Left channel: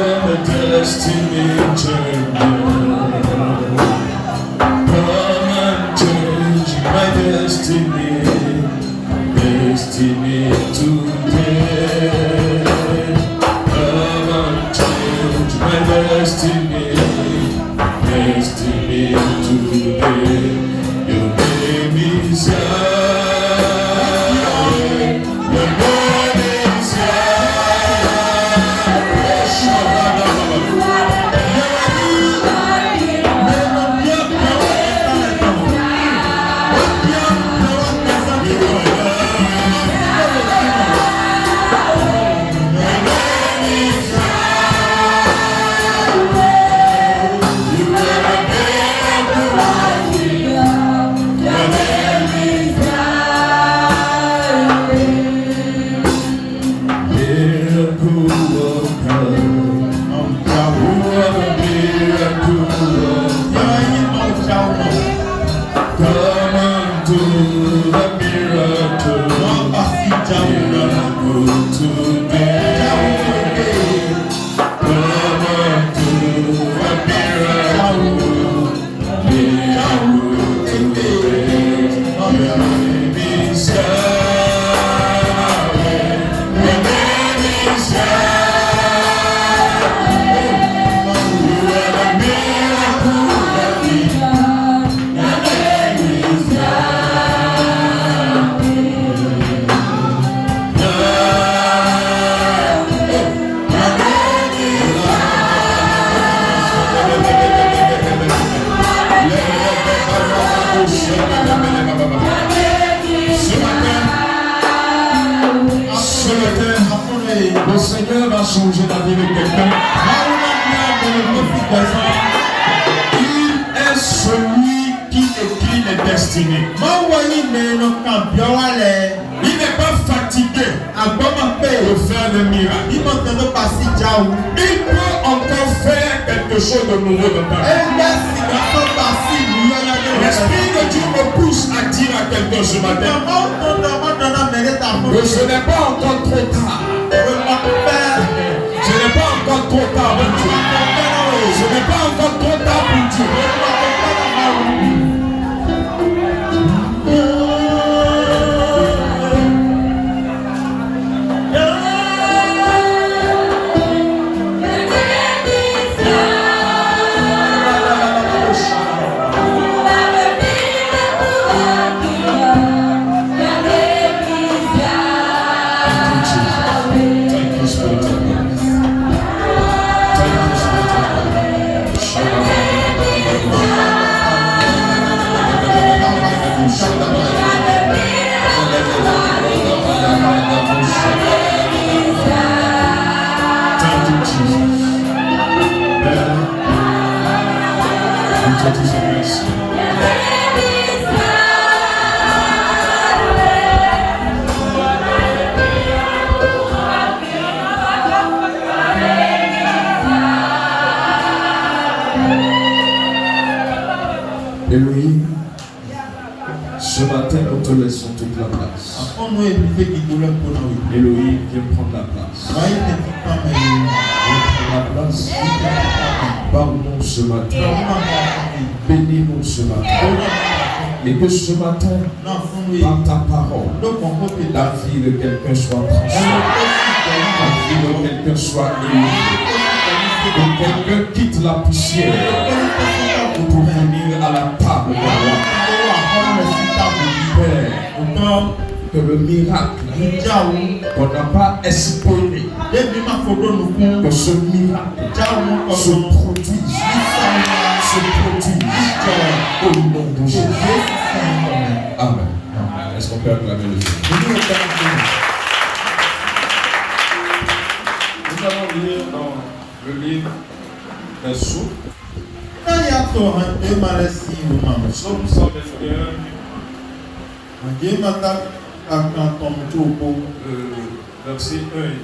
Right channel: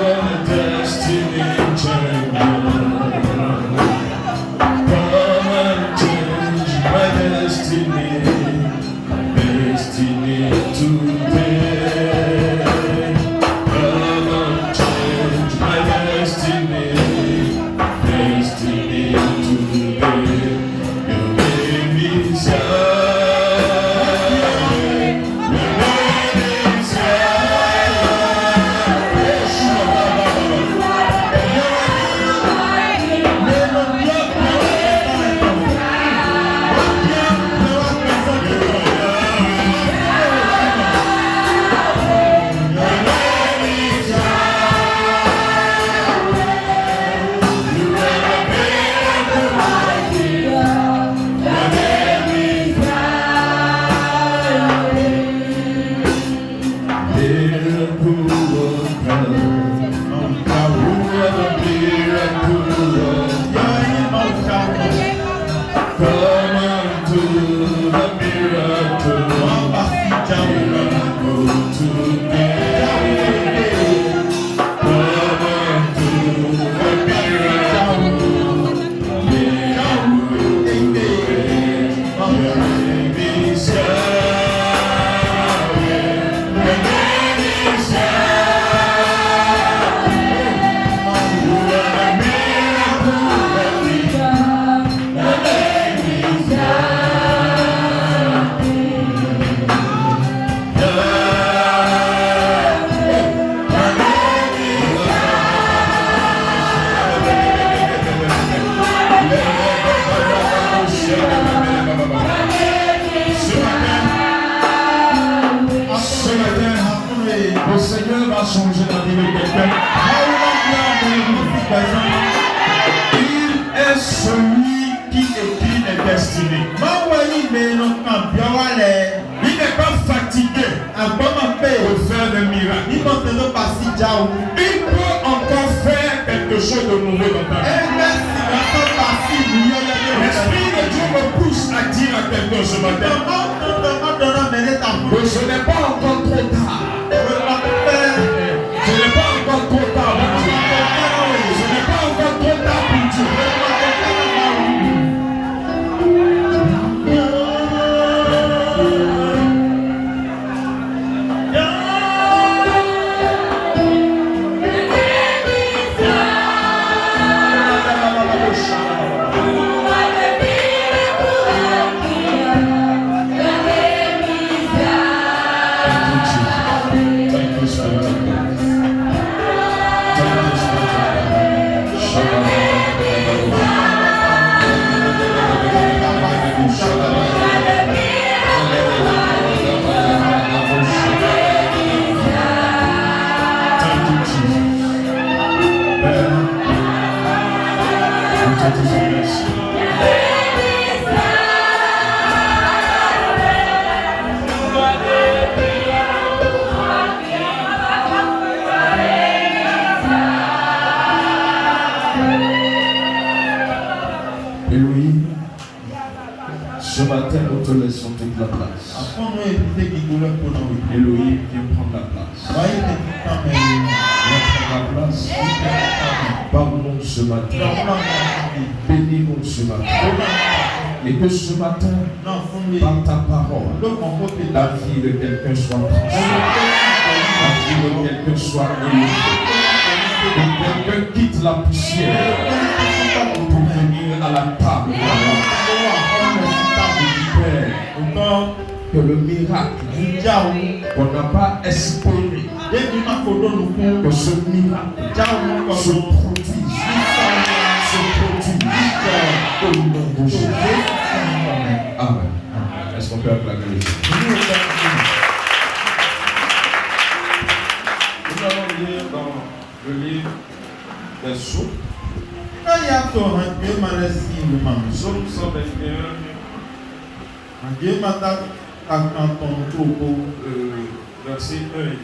are the destiny changer. Come and change my destiny today. Come and change my destiny today. Your name is Yahweh. Your name is le Seigneur va changer la vie de quelqu'un. Il est celui qui écrit les destinées. Il n'est pas fatigué de faire des miracles. Il peut encore faire quelque chose de nouveau dans ta vie. L'Esprit de Dieu me pousse à dire à quelqu'un ce matin que ce n'est pas encore trop tard. Ce n'est pas encore trop tard pour Dieu. Ce n'est pas encore trop tard pour Dieu. Elohim, ce matin nous te laissons toute la place. Elohim vient prendre la place. Viens prendre la place. Parle-nous ce matin. Bénis-nous ce matin. Et que ce matin, par ta parole, la vie de quelqu'un soit transformée. La vie de quelqu'un soit élevée. Que quelqu'un quitte la poussière pour venir à la table de la Père. Que le miracle qu'on n'a pas espéré, que ce miracle se produise au nom de Jésus. Amen. Est-ce qu'on peut acclamer le Seigneur? Nous allons lire dans le livre des Psaumes. Psaume 121. Verset 1 et 2.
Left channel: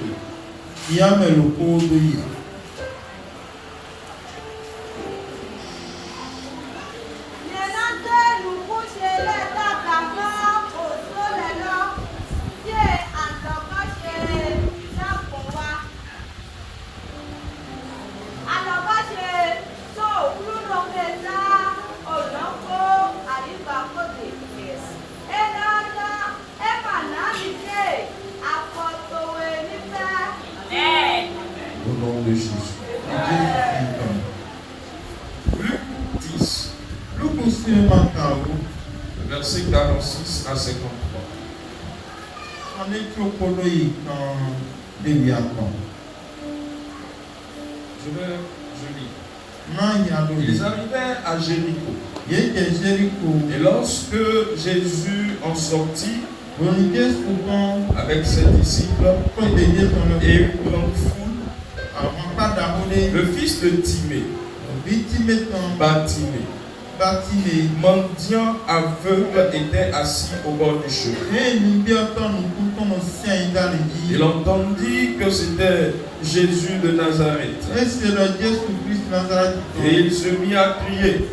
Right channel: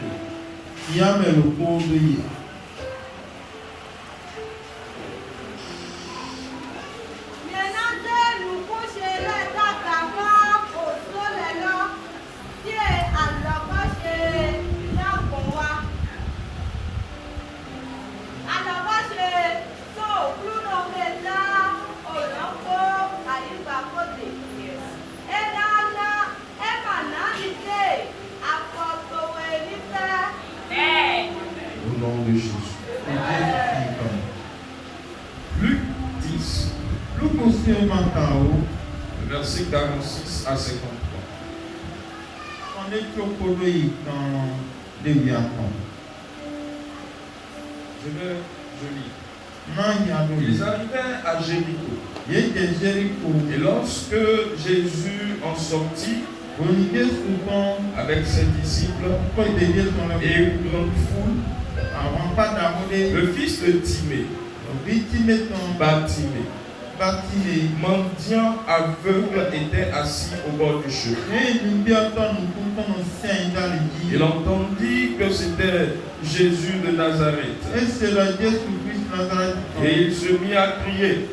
nom de Jésus. Luc 10, verset 46 à 53. Je lis. Ils arrivèrent à Jéricho. Et lorsque Jésus en sortit avec ses disciples et une grande foule, le fils de Timée, Bartimée, mendiant aveugle, était assis au bord du chemin. Il entendit que c'était Jésus de Nazareth. Et il se mit à crier,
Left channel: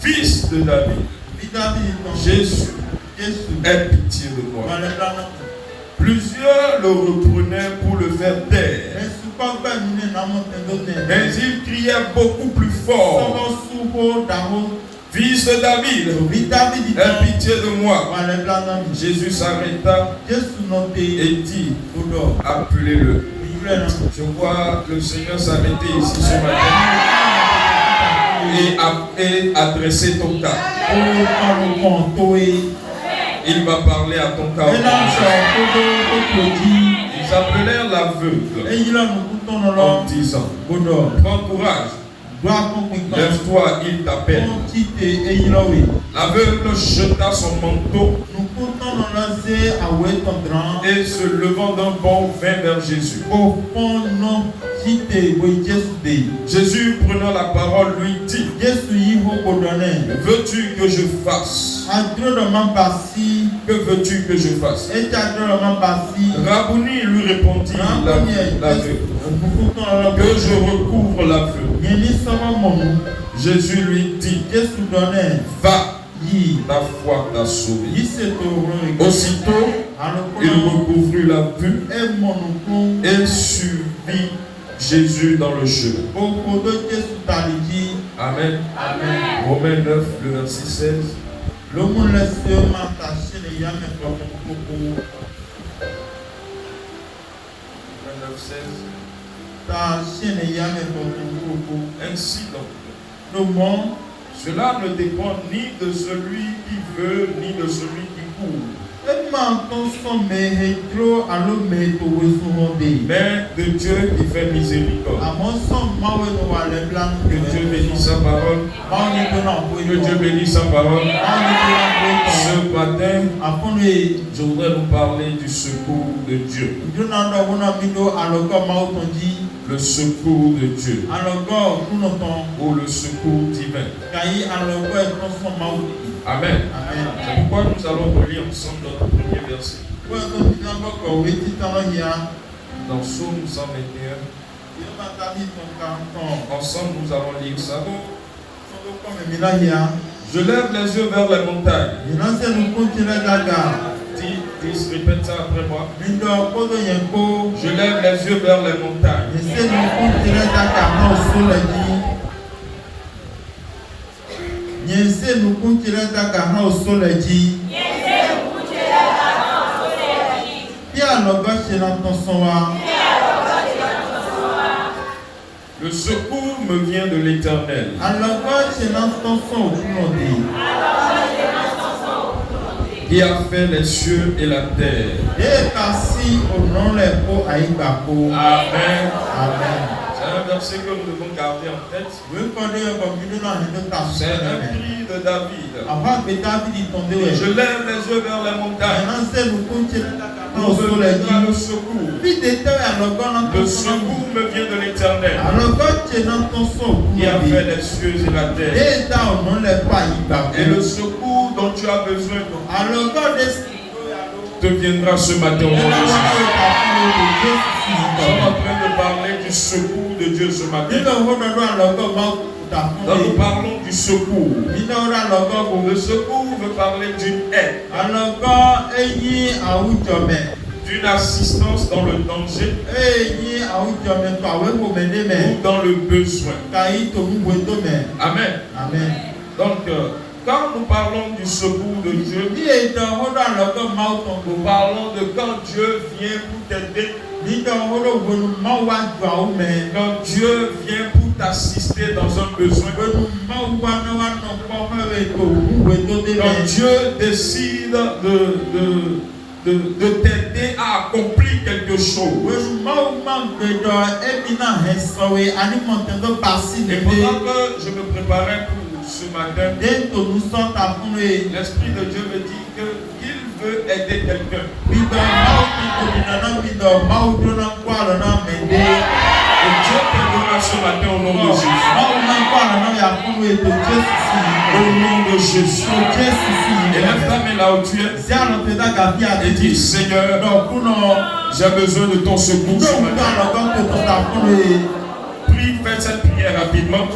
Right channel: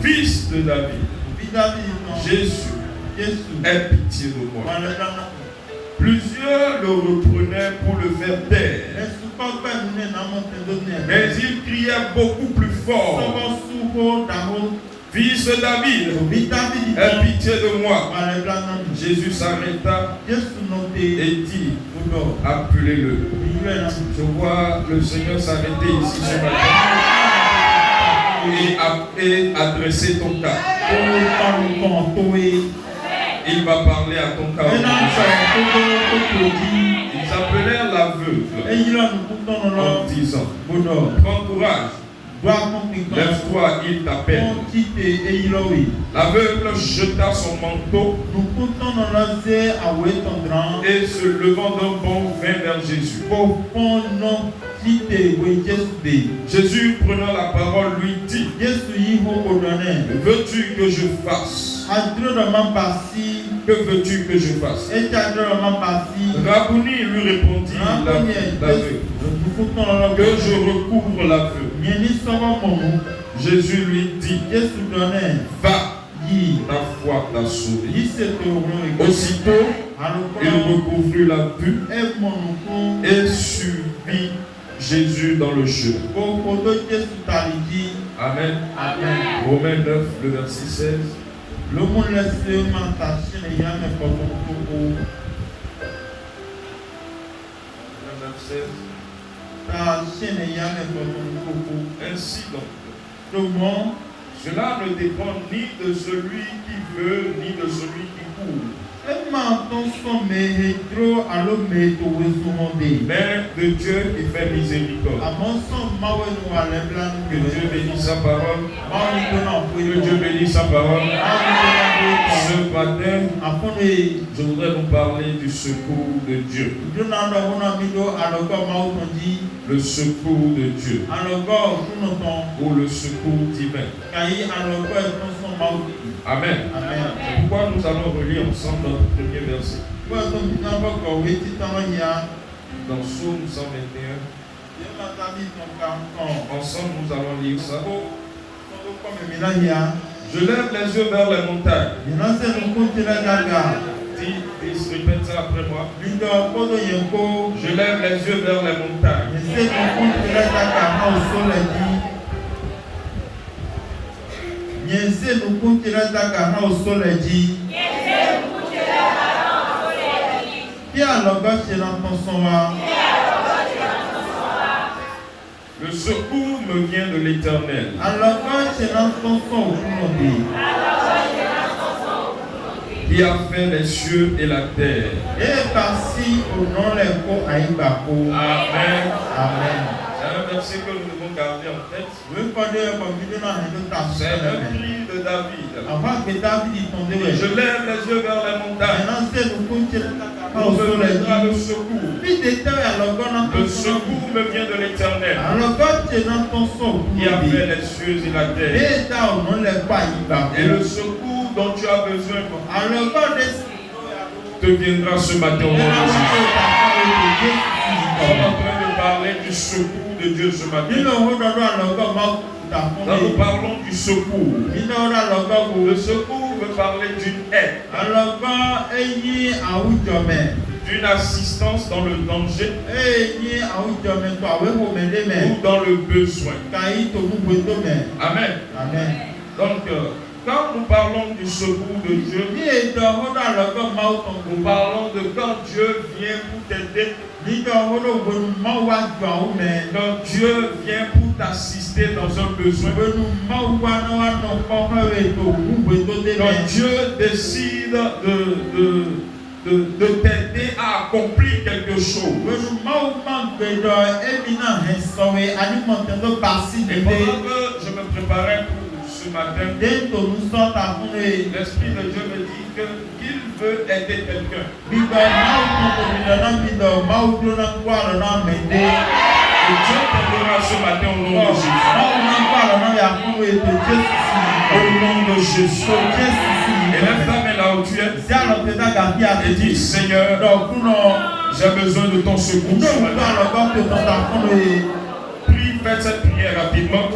Fils de David, Jésus, aie pitié de moi. Plusieurs le reprenaient pour le faire taire. Mais il criait beaucoup plus fort, Fils de David, aie pitié de moi. Jésus s'arrêta et dit, appelez-le. Je vois le Seigneur s'arrêter ici ce matin et adresser ton cas. Il va parler à ton cas. Ils appelèrent l'aveugle en disant, prends courage, lève-toi, il t'appelle. L'aveugle jeta son manteau et se levant d'un bond vint vers Jésus. Jésus, prenant la parole, lui dit, veux-tu que je fasse? Que veux-tu que je fasse? Rabouni, lui répondit l'aveugle, que je recouvre l'aveugle. Jésus lui dit, va, ta foi t'a sauvé. Aussitôt, il recouvrit la vue et suivit Jésus dans le chemin. Amen. Romains 9, le verset 16. Romains 9, 16. Ainsi donc, cela ne dépend ni de celui qui veut, ni de celui qui court, mais de Dieu qui fait miséricorde. Que Dieu bénisse sa parole. Que Dieu bénisse sa parole. Ce matin, je voudrais vous parler du secours de Dieu. Le secours de Dieu. Ou le secours divin. Amen. C'est pourquoi nous allons relire ensemble notre premier verset. Dans Psaume 121. Ensemble, nous allons lire ça. Je lève les yeux vers les montagnes. Répète ça après moi. Je lève les yeux vers les montagnes. Le secours me vient de l'Éternel. Qui a fait les cieux et la terre. Amen. C'est un verset que nous devons garder en tête. C'est un cri de David. Je lève les yeux vers les montagnes. Pour venir le secours. Le secours me vient de l'Éternel. Qui a fait les cieux et la terre. Et le secours dont tu as besoin te viendra ce matin au nom de Jésus. Nous sommes en train de parler du secours de Dieu ce matin. Nous parlons du secours. Le secours veut parler d'une aide, d'une assistance dans le danger ou dans le besoin. Amen. Donc, quand nous parlons du secours de Dieu, nous parlons de quand Dieu vient pour t'aider Quand Dieu vient pour t'assister dans un besoin, quand Dieu décide de t'aider à accomplir quelque chose. Et pendant que je me préparais pour ce matin, l'Esprit de Dieu me dit qu'il veut aider quelqu'un. Et Dieu t'aidera ce matin au nom de Jésus. Au nom de Jésus. Et lève ta main là où tu es. Et dis, Seigneur, j'ai besoin de ton secours ce matin. Prie, fais cette prière rapidement.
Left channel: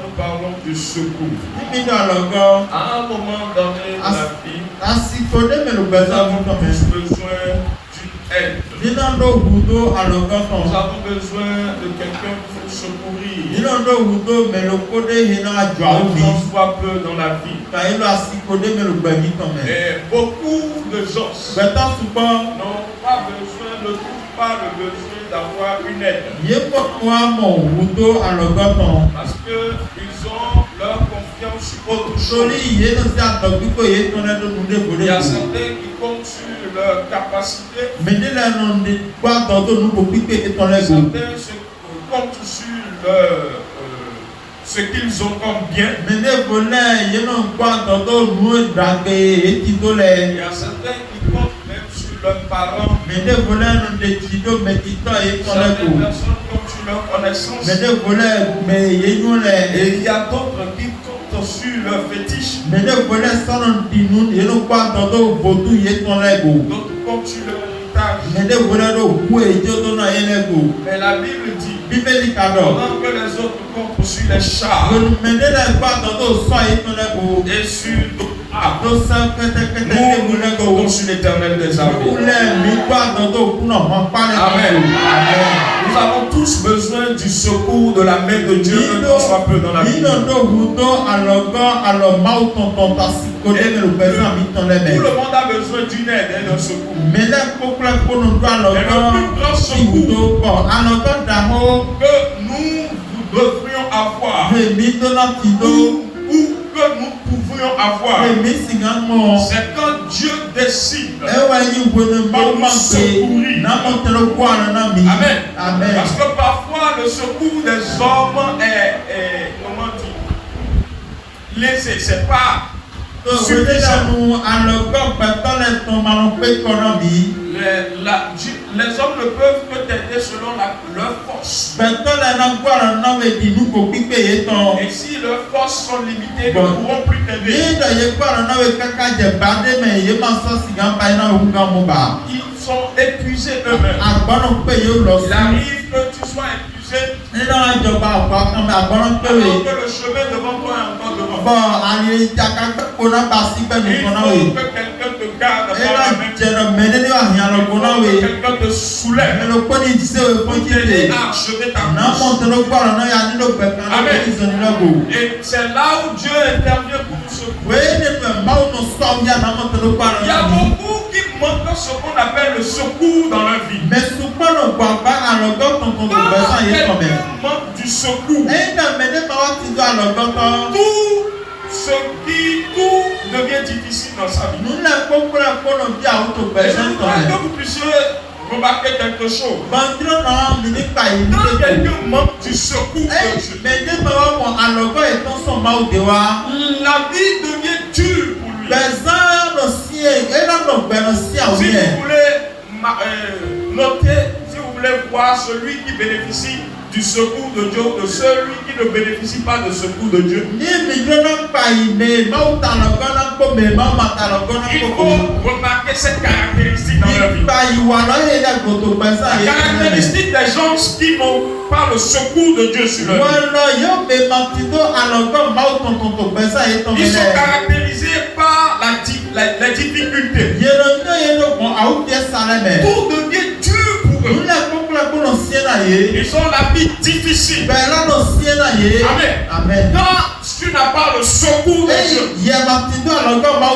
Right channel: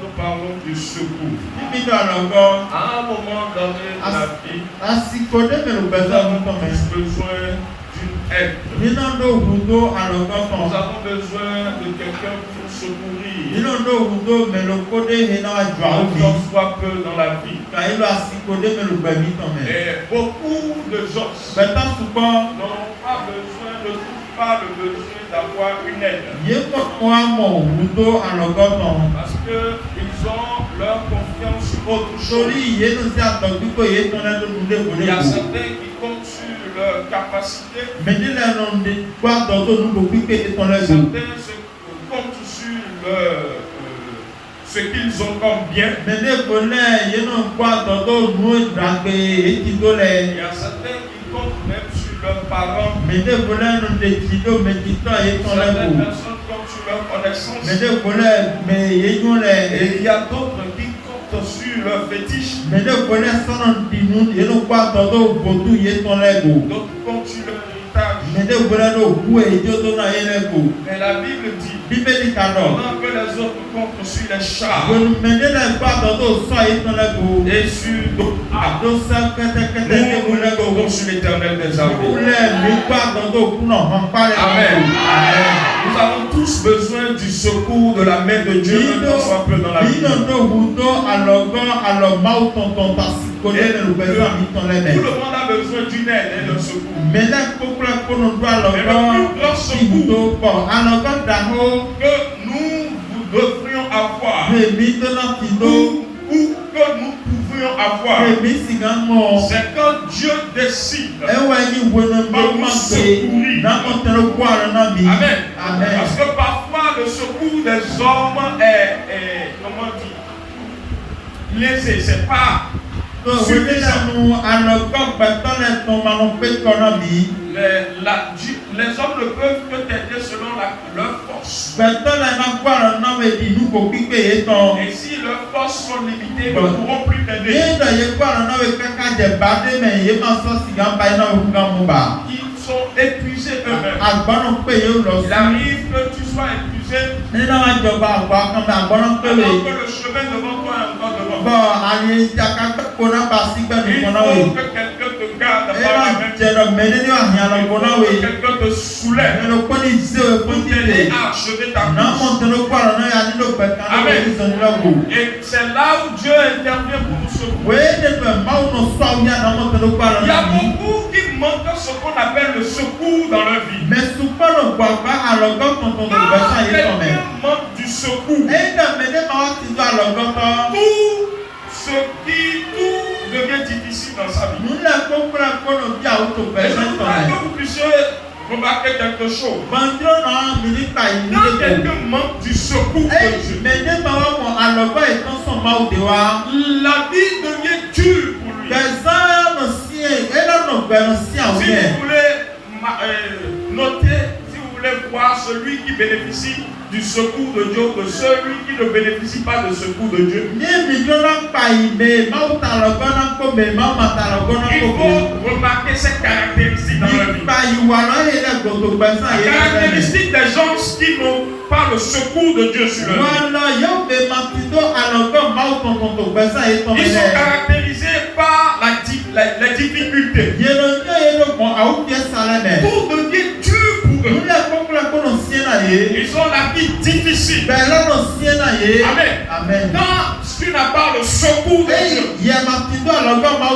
Nous parlons du secours. À un moment donné de la vie, nous avons tous besoin d'une aide. Nous avons besoin de quelqu'un pour secourir. On soit peu dans la vie. Et beaucoup de gens n'ont pas besoin de tout. Pas le besoin d'avoir une aide. Parce qu'ils ont leur confiance sur autre chose. Il y a certains qui comptent sur leur capacité. Certains comptent sur ce qu'ils ont comme bien. Il y a certains qui comptent même sur leurs parents. Certaines personnes comptent sur leur connaissance. Et il y a d'autres qui comptent sur leur fétiche. D'autres comptent sur leur héritage. Mais la Bible dit, pendant que les autres comptent sur les chars et sur nous comptons sur l'Éternel des armées. Amen. Nous avons tous besoin du secours de la main de Dieu, même qu'on soit peu dans la vie. Tout le monde a besoin d'une aide et d'un secours. Mais le plus grand secours que nous devrions avoir, ou que nous pouvions avoir, c'est quand Dieu décide de nous secourir. Amen. Parce que parfois le secours des hommes est comment dire, lésé, c'est pas suffisant. Les hommes ne peuvent que t'aider selon leur force. Et si leurs forces sont limitées, ils ne pourront plus t'aider. Ils sont épuisés eux-mêmes. Il arrive que tu sois épuisé, alors que le chemin devant toi est encore devant. Il faut que quelqu'un te garde par la main. Il faut que quelqu'un te soulève pour t'aider à achever ta marche. Amen. Et c'est là où Dieu intervient pour nous secourir. Il y a beaucoup qui manquent ce qu'on appelle le secours dans leur vie. Quelqu'un manque du secours. Tout devient difficile dans sa vie. Et je voudrais que vous puissiez remarquer quelque chose. Quand quelqu'un manque du secours de Dieu, la vie devient dure pour lui. Si vous voulez noter, si vous voulez voir celui qui bénéficie du secours de Dieu, de celui qui ne bénéficie pas du secours de Dieu, il faut remarquer cette caractéristique dans la vie. La caractéristique des gens qui n'ont pas le secours de Dieu sur leur vie, ils sont caractérisés les difficultés. Tout devient dur pour eux. Ils ont la vie difficile. Amen. Quand tu n'as pas le secours de Dieu,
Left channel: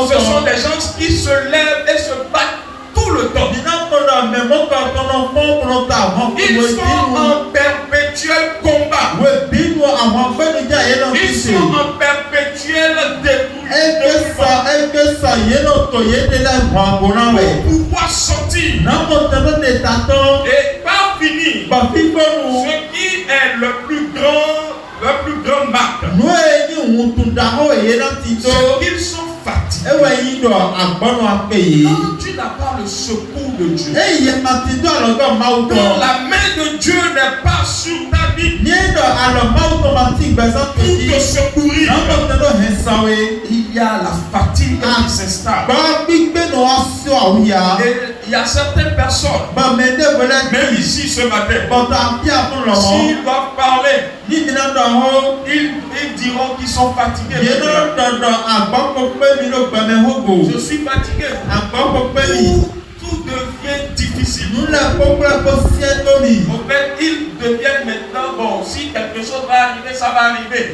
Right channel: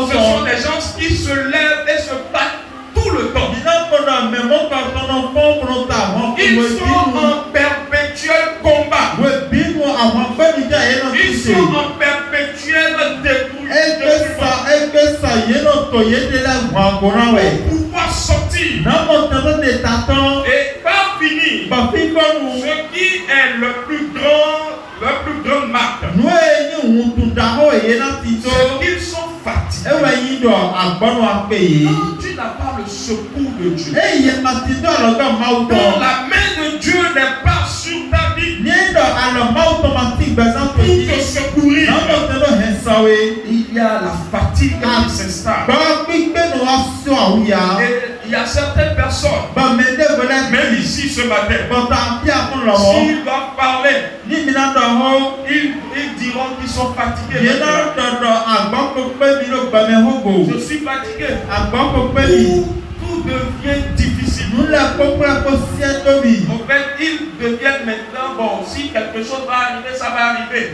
ce sont des gens qui se lèvent et se battent tout le temps. Ils sont en perpétuel combat. Ils sont en perpétuel pour pouvoir sortir. Et par finir, ce qui est le plus grand marque, c'est qu'ils sont fatigués. Quand tu n'as pas le secours de Dieu, quand la main de Dieu n'est pas sur ta vie pour te secourir, il y a la fatigue qui s'installe. Et il y a certaines personnes, même ici ce matin, s'ils doivent parler, ils diront qu'ils sont fatigués. Je suis fatigué. Tout devient difficile. En fait, ils deviennent maintenant, bon, si quelque chose va arriver, ça va arriver.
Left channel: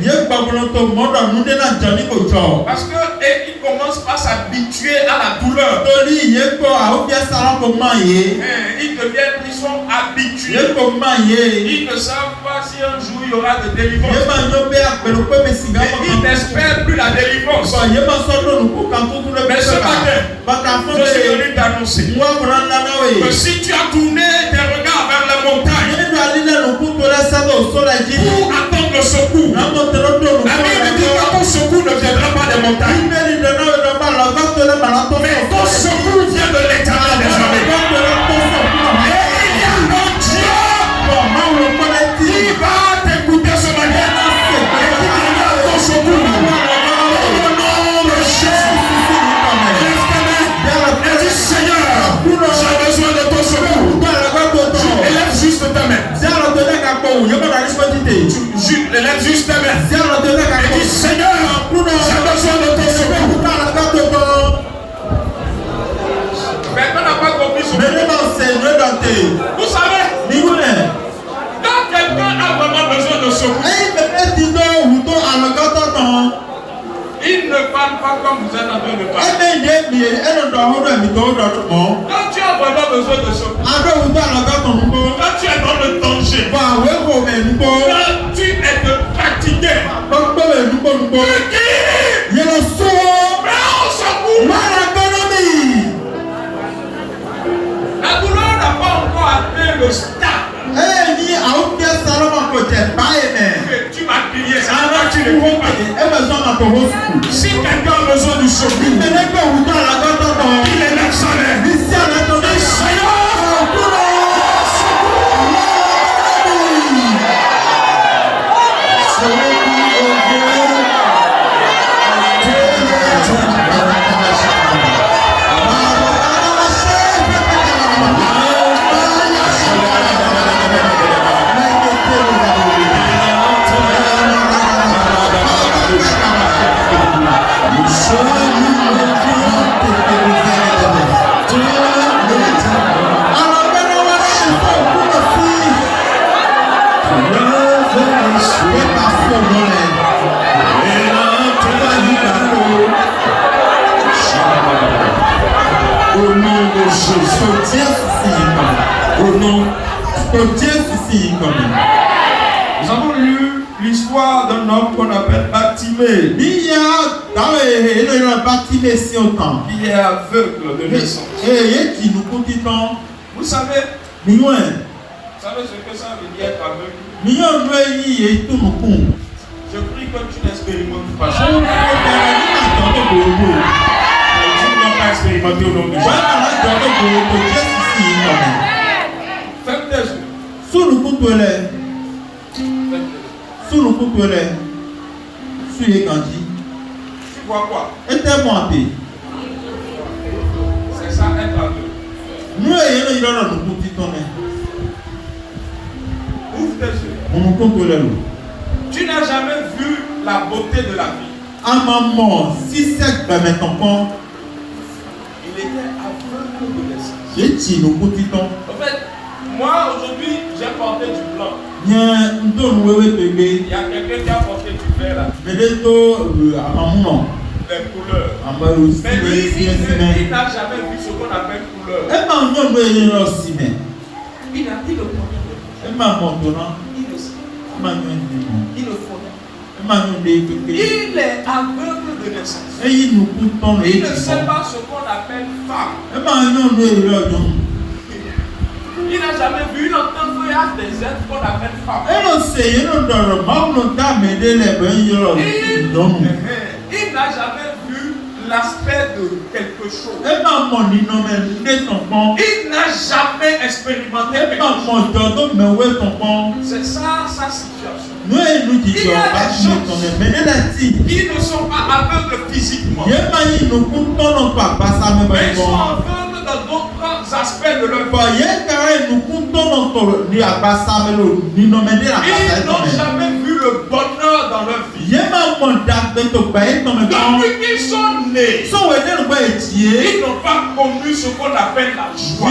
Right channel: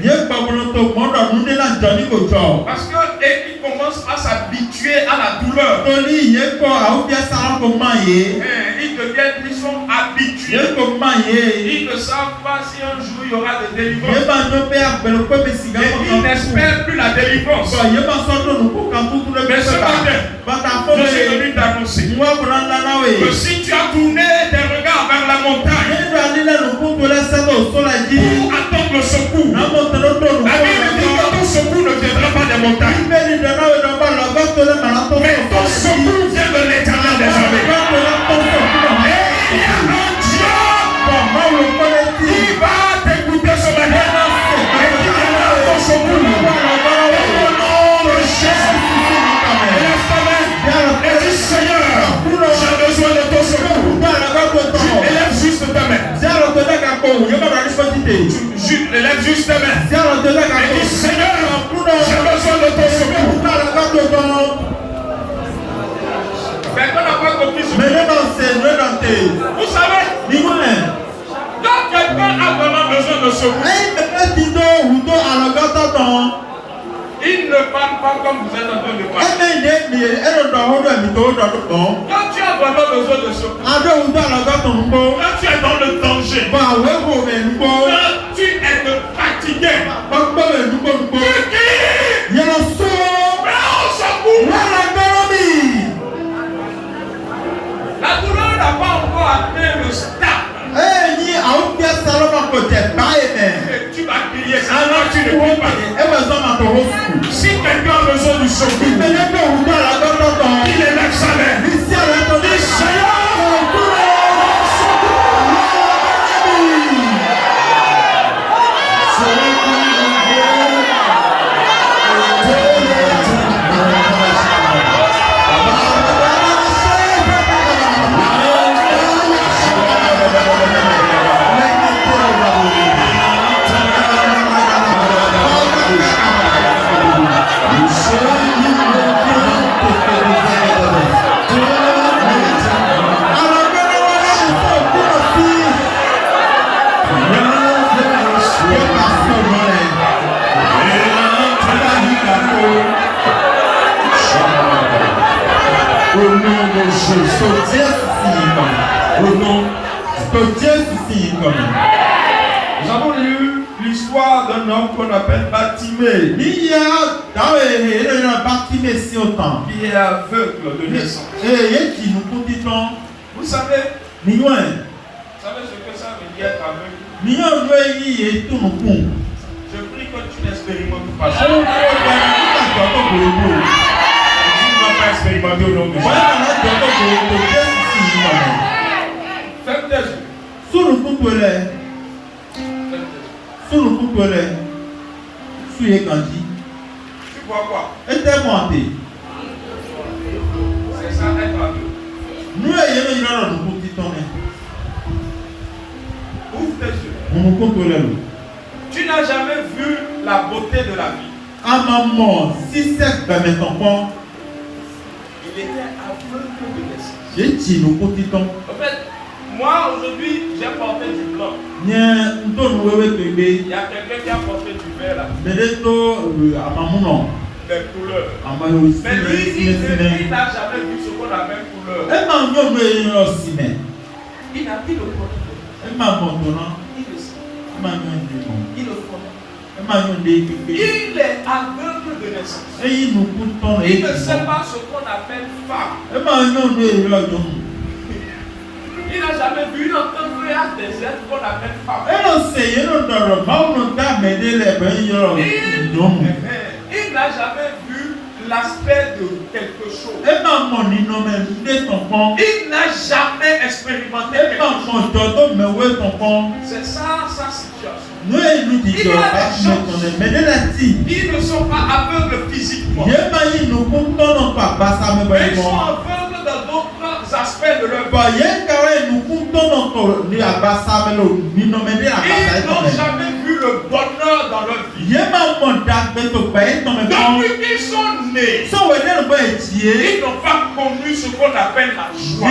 Parce qu'ils commencent à s'habituer à la douleur. Ils sont habitués. Ils ne savent pas si un jour il y aura de délivrance. Et ils n'espèrent plus la délivrance. Mais ce matin, je suis venu t'annoncer que si tu as tourné tes regards vers la montagne pour attendre le secours, la Bible dit que ton secours ne viendra pas des montagnes, mais ton secours vient de l'Éternel des armées. Et il y a un Dieu qui va t'écouter ce matin et qui viendra ton secours. J'ai besoin de ton secours. Élève juste ta main. Élève juste ta main. Et dis Seigneur, j'ai besoin de ton secours. Mais on n'a pas compris ce que vous savez, quand quelqu'un a vraiment besoin de secours, il ne parle pas comme vous êtes en train de parler. Quand tu as vraiment besoin de secours, quand tu es dans le danger, quand tu es fatigué, tu dis, mais on secours. La douleur n'a pas encore atteint le stade. Tu vas crier, ça va, tu ne peux pas. Si quelqu'un a besoin du secours, il élève sa main. Dis Seigneur, nous avons lu l'histoire d'un homme qu'on appelle Bartimée. Qui est aveugle de naissance. Vous savez ce que ça veut dire être aveugle? Je prie que tu n'expérimentes pas ça. Tu ne dois pas expérimenter au nom de Jésus. Ferme tes yeux. Tu vois quoi? C'est ça, être aveugle. Ouvre tes yeux. Tu n'as jamais vu la beauté de la vie. En fait, moi aujourd'hui, j'ai porté du blanc. Il y a quelqu'un qui a porté du vert là. Les couleurs. Mais lui, il n'a jamais vu ce qu'on appelle couleur. Il a dit le contraire. Il est aveugle de naissance. Il ne sait pas ce qu'on appelle femme. Il n'a jamais vu une entente des êtres qu'on appelle femme. Il n'a jamais vu l'aspect de quelque chose. Il n'a jamais expérimenté quelque chose. C'est ça sa situation. Il y a des gens qui ne sont pas aveugles physiquement. Mais ils sont aveugles dans d'autres aspects de leur vie. Ils n'ont jamais vu le bonheur dans leur vie. Depuis qu'ils sont nés, ils n'ont pas connu ce qu'on appelle la joie.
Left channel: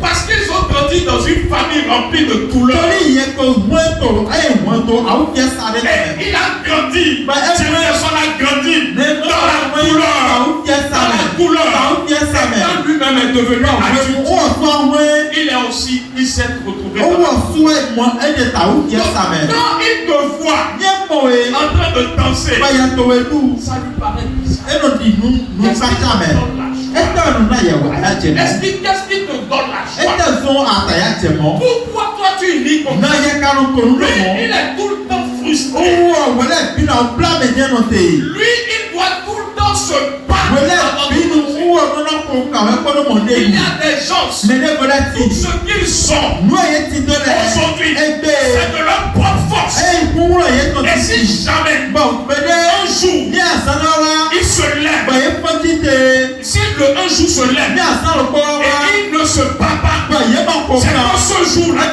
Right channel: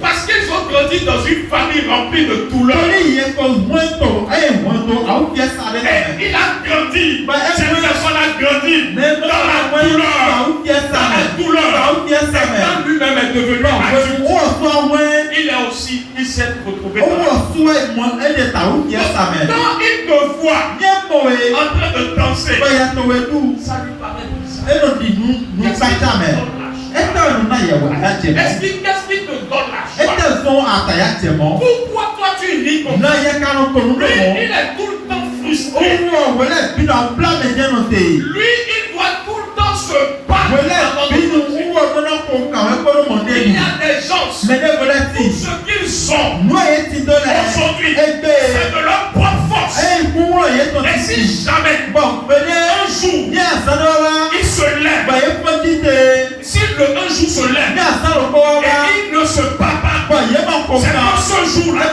Parce qu'ils ont grandi dans une famille remplie de douleurs. Et il a grandi. Cette personne a grandi dans la douleur. Dans la douleur. Et quand lui-même est devenu adulte, il s'est retrouvé dans la douleur. Quand il te voit en train de danser, ça lui paraît bizarre. Qu'est-ce qui te donne la joie? Pourquoi toi tu nies comme ça? Lui, il est tout le temps frustré. Lui, il doit tout le temps se battre. Il y a des gens, tout ce qu'ils ont aujourd'hui, c'est de leur propre force. Et si jamais un jour il se lève, si un jour se lève et il ne se bat pas, c'est dans ce jour-là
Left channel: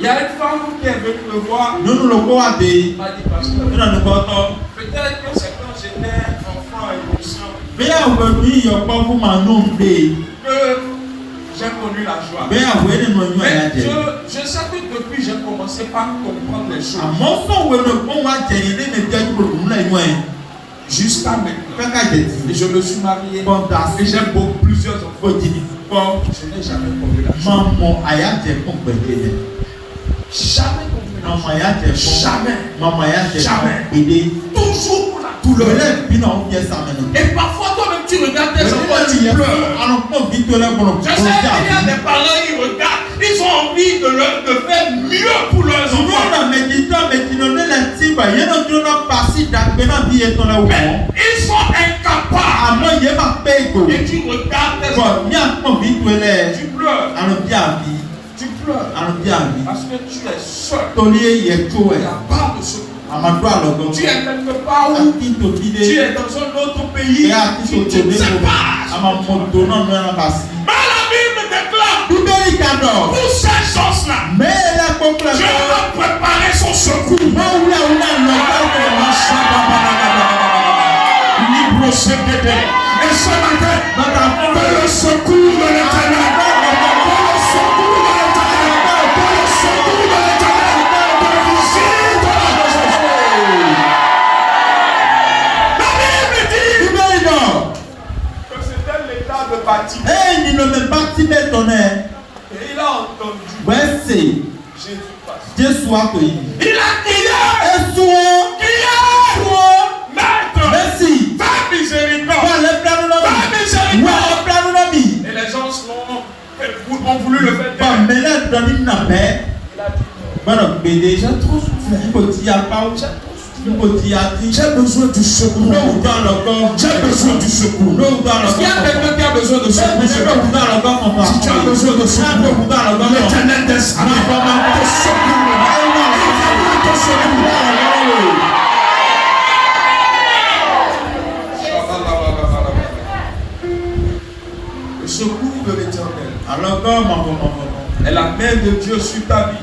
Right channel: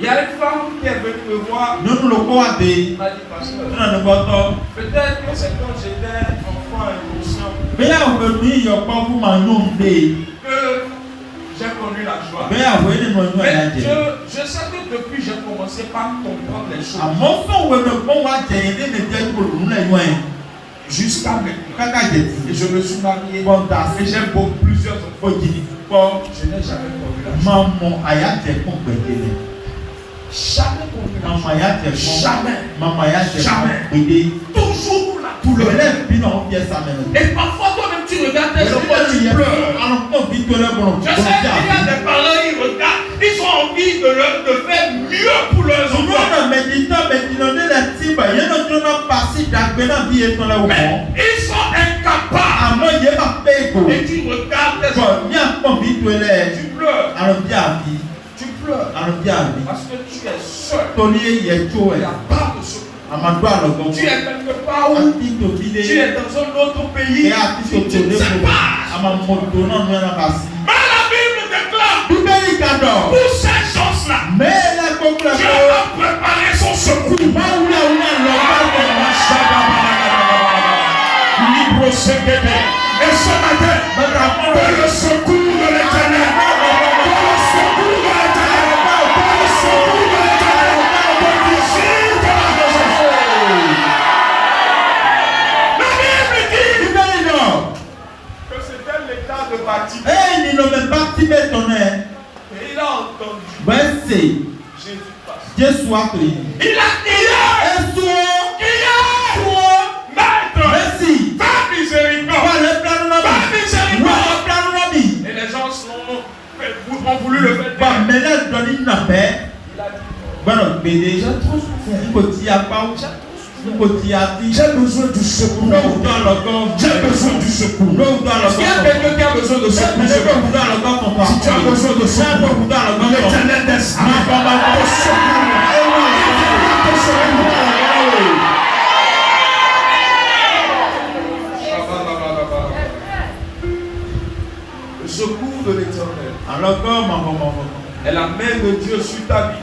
il y a une femme qui est venue me voir. Elle m'a dit, pasteur, peut-être que c'est quand j'étais enfant innocent que j'ai connu la joie. Mais je sais que depuis j'ai commencé par comprendre les choses. Jusqu'à maintenant. Et je me suis marié. Et j'ai plusieurs enfants. Je n'ai jamais connu la joie. Jamais connu la joie. Jamais. Toujours la douleur. Et parfois toi-même tu regardes tes enfants, tu pleures. Je sais qu'il y a des parents qui regardent, ils ont envie de faire mieux pour leurs enfants. Mais ils sont incapables. Et tu regardes tes enfants, tu pleures. Tu pleures. Parce que tu es seul. Il n'y a pas de secours. Tu es quelque part où tu es dans un autre pays, tu te sépares. Mais la Bible déclare pour ces choses-là, Dieu a préparé son secours. Et ce matin, que le secours de l'Éternel, Et il a entendu Jésus passe. Il a crié, Maître, fais miséricorde. Et les gens ont voulu le faire taire. Il a dit, j'ai trop souffert. J'ai besoin du secours. J'ai besoin du secours. Est-ce qu'il y a quelqu'un qui a besoin de secours? Si tu as besoin de secours, l'Éternel des armées te secours. Le secours de l'Éternel est la main de Dieu sur ta vie.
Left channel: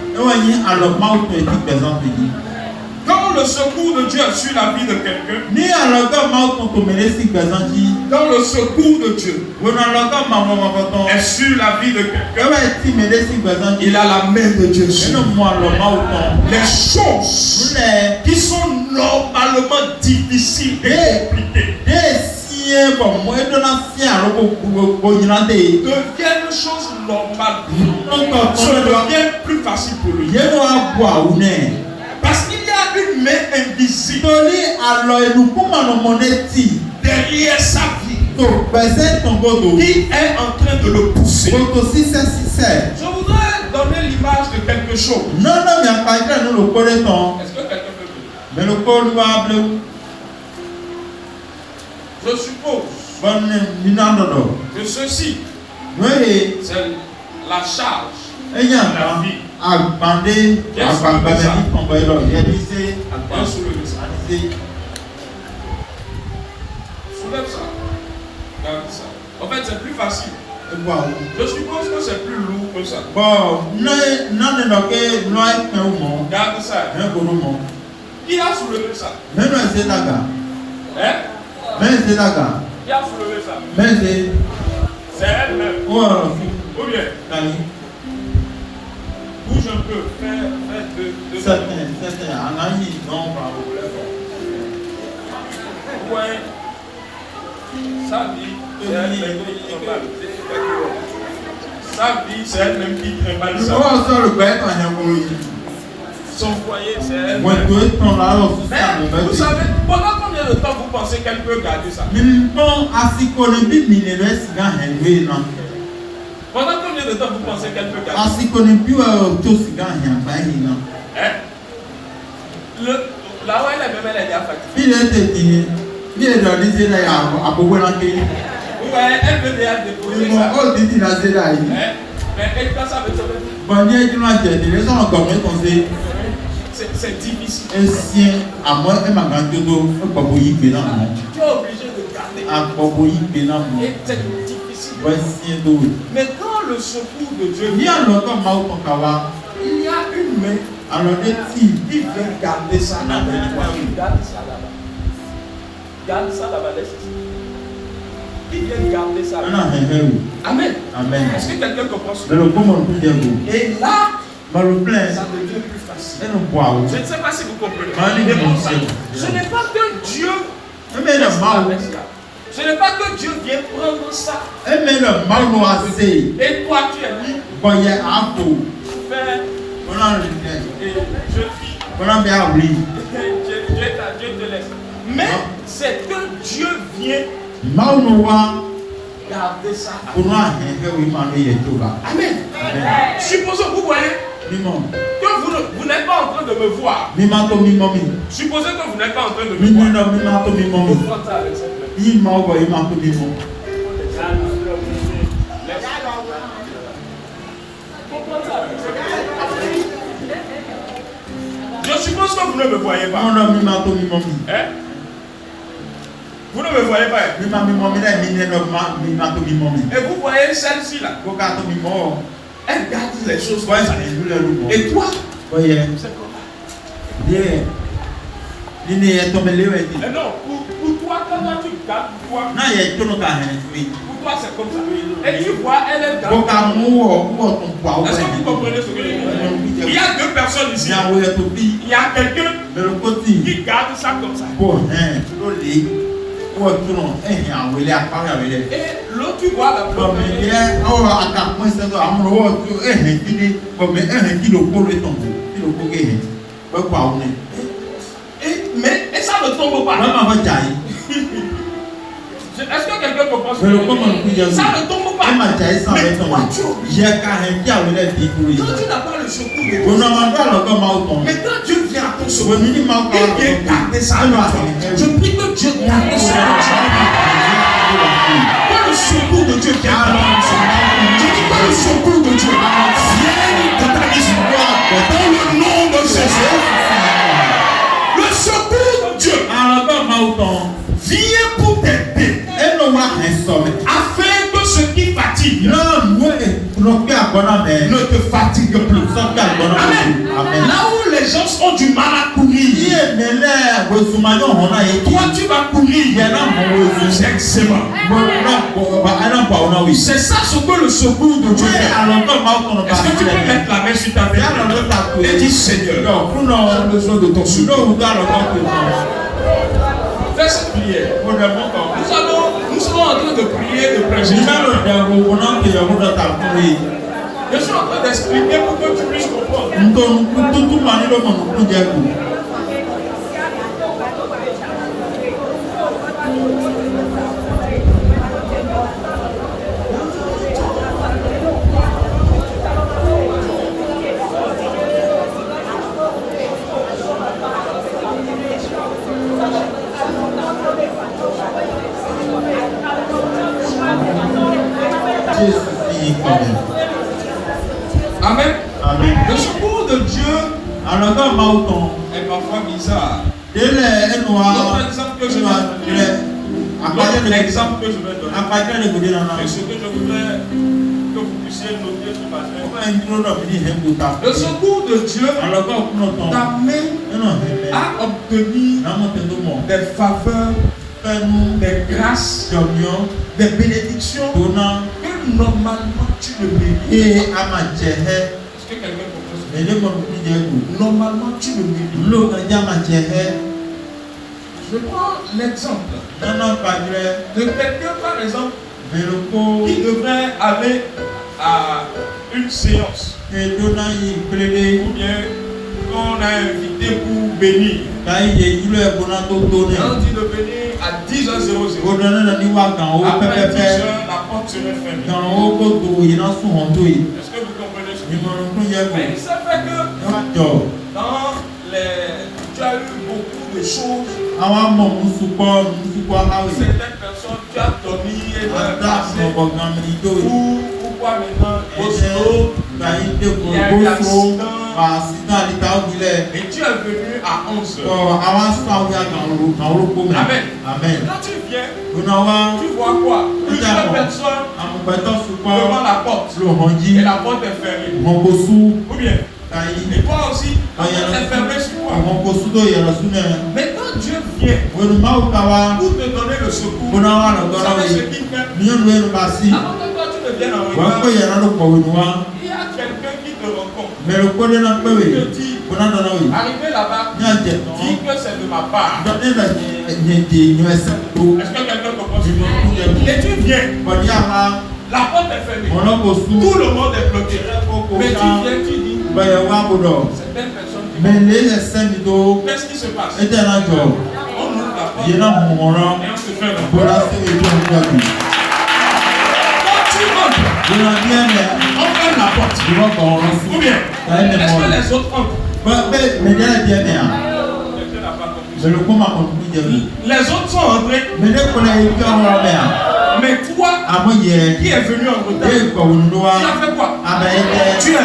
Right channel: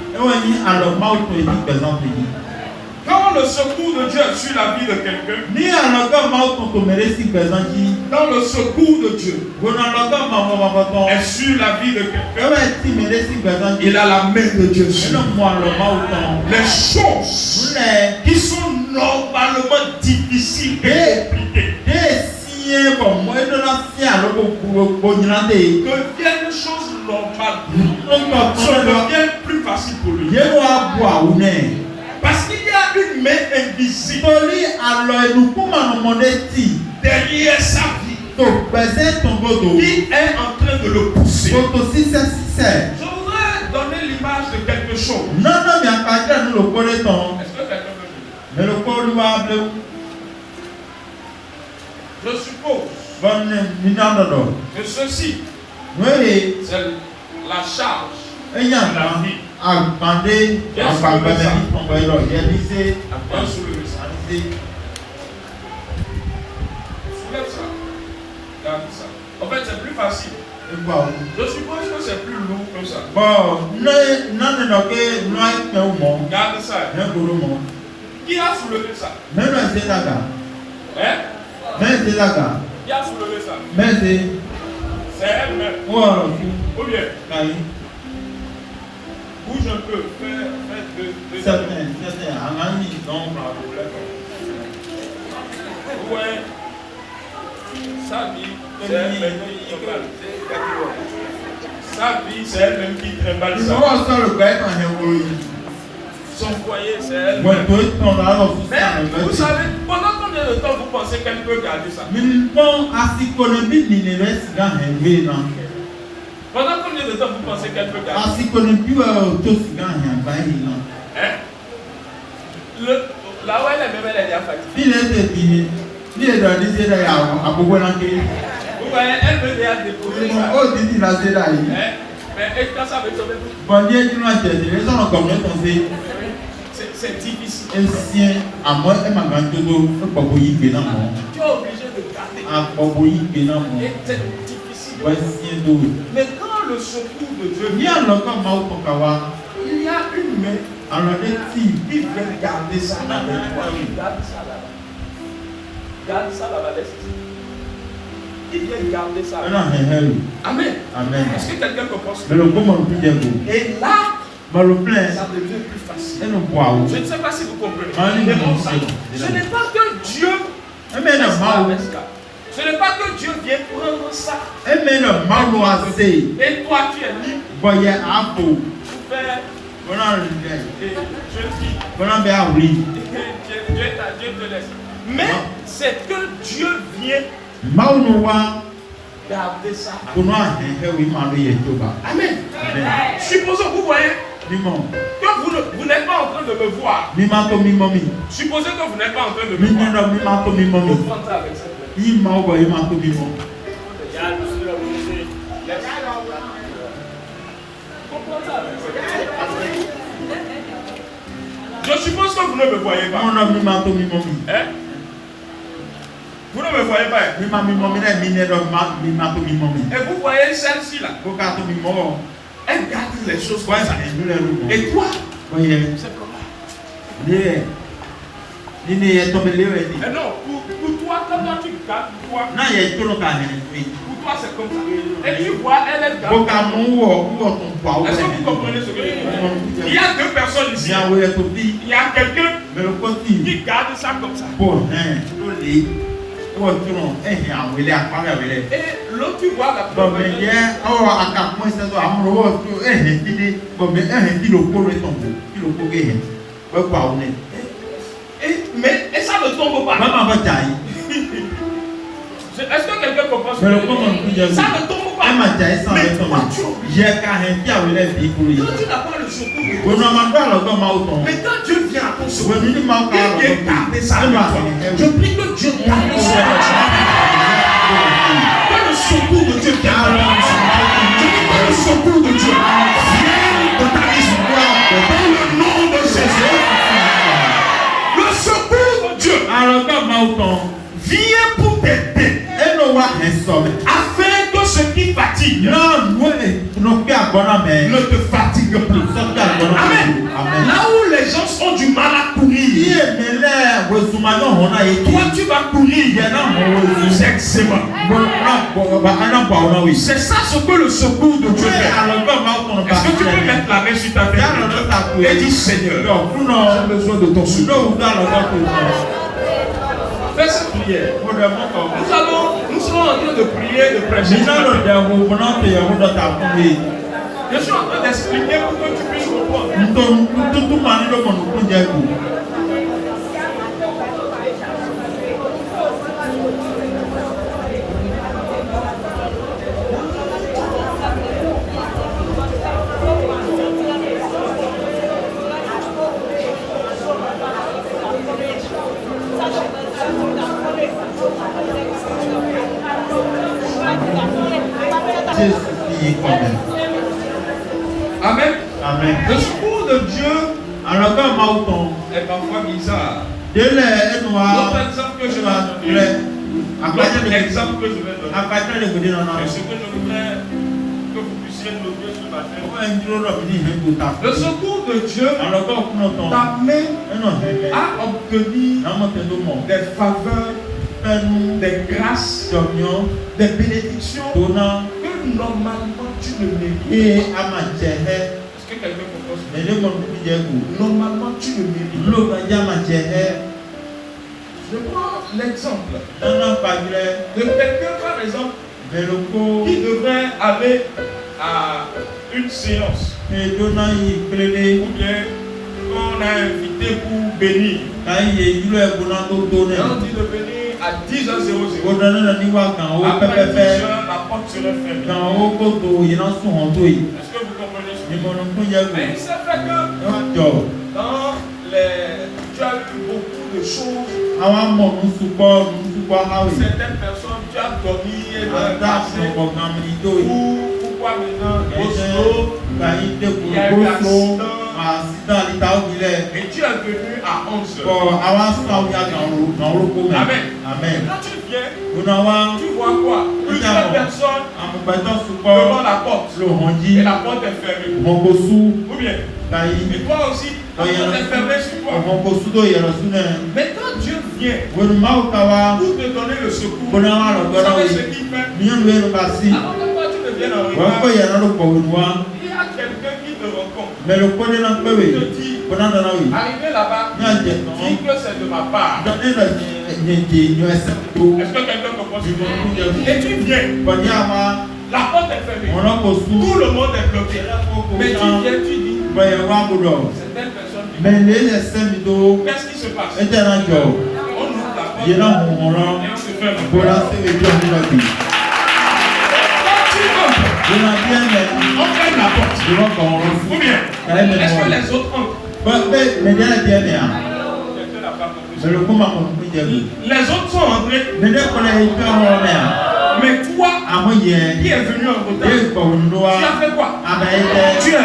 Quand Quand le secours de Dieu est sur la vie de quelqu'un, quand le secours de Dieu est sur la vie de quelqu'un, il a la main de Dieu sur les choses qui sont normalement difficiles et compliquées deviennent choses normales, ça devient plus facile pour lui. Parce qu'il y a une main invisible derrière sa vie qui est en train de le pousser. Je voudrais donner l'image de quelque chose. Est-ce que quelqu'un peut dire? Je suppose que ceci, c'est la charge de la vie. Soulève ça. Regarde ça. En fait, c'est plus facile. Je suppose que c'est plus lourd que ça. Regarde ça. Qui a soulevé ça? Hein? Qui a soulevé ça? C'est elle-même. Ou bien? Bouge un peu. Fais deux. Ouais. Ça dit, c'est elle-même qui trimballe. Ça dit, c'est elle-même qui trimballe ça. Son foyer, c'est elle. Mais vous savez, pendant combien de temps vous pensez qu'elle peut garder ça? Pendant combien de temps vous pensez qu'elle peut garder ça? Hein? Là où elle est, même elle est déjà fatiguée. Vous voyez, elle veut déjà déposer ça. Hein? Mais quand ça veut sauver. C'est difficile. Tu es obligé de garder. Et c'est difficile. Mais quand le secours de Dieu vient, il y a une main qui vient garder ça avec toi. Garde ça là-bas. Garde ça là-bas. Qui vient garder ça là-bas. Amen. Est-ce que quelqu'un comprend ce que et là, ça devient plus facile. Je ne sais pas si vous comprenez. Ce n'est pas que Dieu ce n'est pas que Dieu vient prendre ça. Et toi tu es libre pour faire. Dieu te laisse. Mais c'est que Dieu vient garder ça. Amen. Supposons, vous voyez, que vous n'êtes pas en train de me voir. Supposez que vous n'êtes pas en train de me voir. Vous prenez ça avec cette main. Je suppose que vous ne me voyez pas. Hein? Vous ne me voyez pas. Et vous voyez celle-ci là. Elle garde les choses comme ça. Et toi, c'est comment? Non, pour toi, quand toi tu gardes, pour toi c'est comme ça. Et tu vois, elle garde. Est-ce que vous comprenez ce que je veux dire? Il y a deux personnes ici. Il y a quelqu'un qui garde ça comme ça. Et l'autre, tu vois la première. Et ça ne tombe pas. Est-ce que quelqu'un comprend ce que je veux dire? Ça ne tombe pas. Mais toi, tu quand tu n'as pas le secours de Dieu. Mais quand Dieu vient à ton secours, il vient garder ça. Je prie que Dieu garde ça. Que le secours de Dieu garde ça. Je dis que le secours de Dieu vienne de ta histoire. Dans le nom de Jésus. Le secours de Dieu vient pour t'aider. Afin que ce qui fatigue ne te fatigue plus. Amen. Là où les gens ont du mal à courir, Toi, tu vas courir. C'est excellent. C'est ça ce que le secours de Dieu fait. Est-ce que tu peux mettre la main sur ta tête et dire Seigneur, j'ai besoin de ton secours. Fais cette prière. Nous sommes en train de prier, de prêcher. Je suis en train d'expliquer pour que tu puisses comprendre. Amen. Amen. Le secours de Dieu est parfois bizarre. L'autre exemple que je vais donner, l'exemple que je vais donner, et ce que je voudrais que vous puissiez noter ce matin. Le secours de Dieu t'amène à obtenir des faveurs, des grâces, des bénédictions que normalement tu ne mérites. Est-ce que quelqu'un comprend? Normalement tu ne mérites. Je prends l'exemple de quelqu'un par exemple qui devrait aller à une séance ou bien qu'on a invité pour bénir. Et on dit de venir à 10h00. Après 10h, la porte serait fermée. Est-ce que vous comprenez ce que je veux dire? Mais il s'est fait que dans les... tu as eu beaucoup de choses. Certaines personnes, tu as dormi et pourquoi maintenant il y a eu l'accident et tu es venu à 11h. Amen. Amen. Quand tu viens, tu vois quoi? Plusieurs personnes devant la porte et la porte est fermée. Ou bien? Et toi aussi, la porte est fermée sur toi. Mais quand Dieu vient pour te donner le secours, vous savez ce qu'il fait? Avant que toi tu ne viennes en retard, il y a quelqu'un qui te rencontre. Il te dit, arrivé là-bas, dis que c'est de ma part. Est-ce que quelqu'un comprend ce que je veux dire? Et tu viens. La porte est fermée. Tout le monde est bloqué. Mais tu viens, tu dis, certaines personnes, qu'est-ce qui se passe? On ouvre la porte et on se fait la porte. Quand tu rentres, on ferme la porte. Ou bien, est-ce que les autres entrent? Les autres sont entrés. Mais toi, qui est venu en retard, tu as fait quoi? Tu es.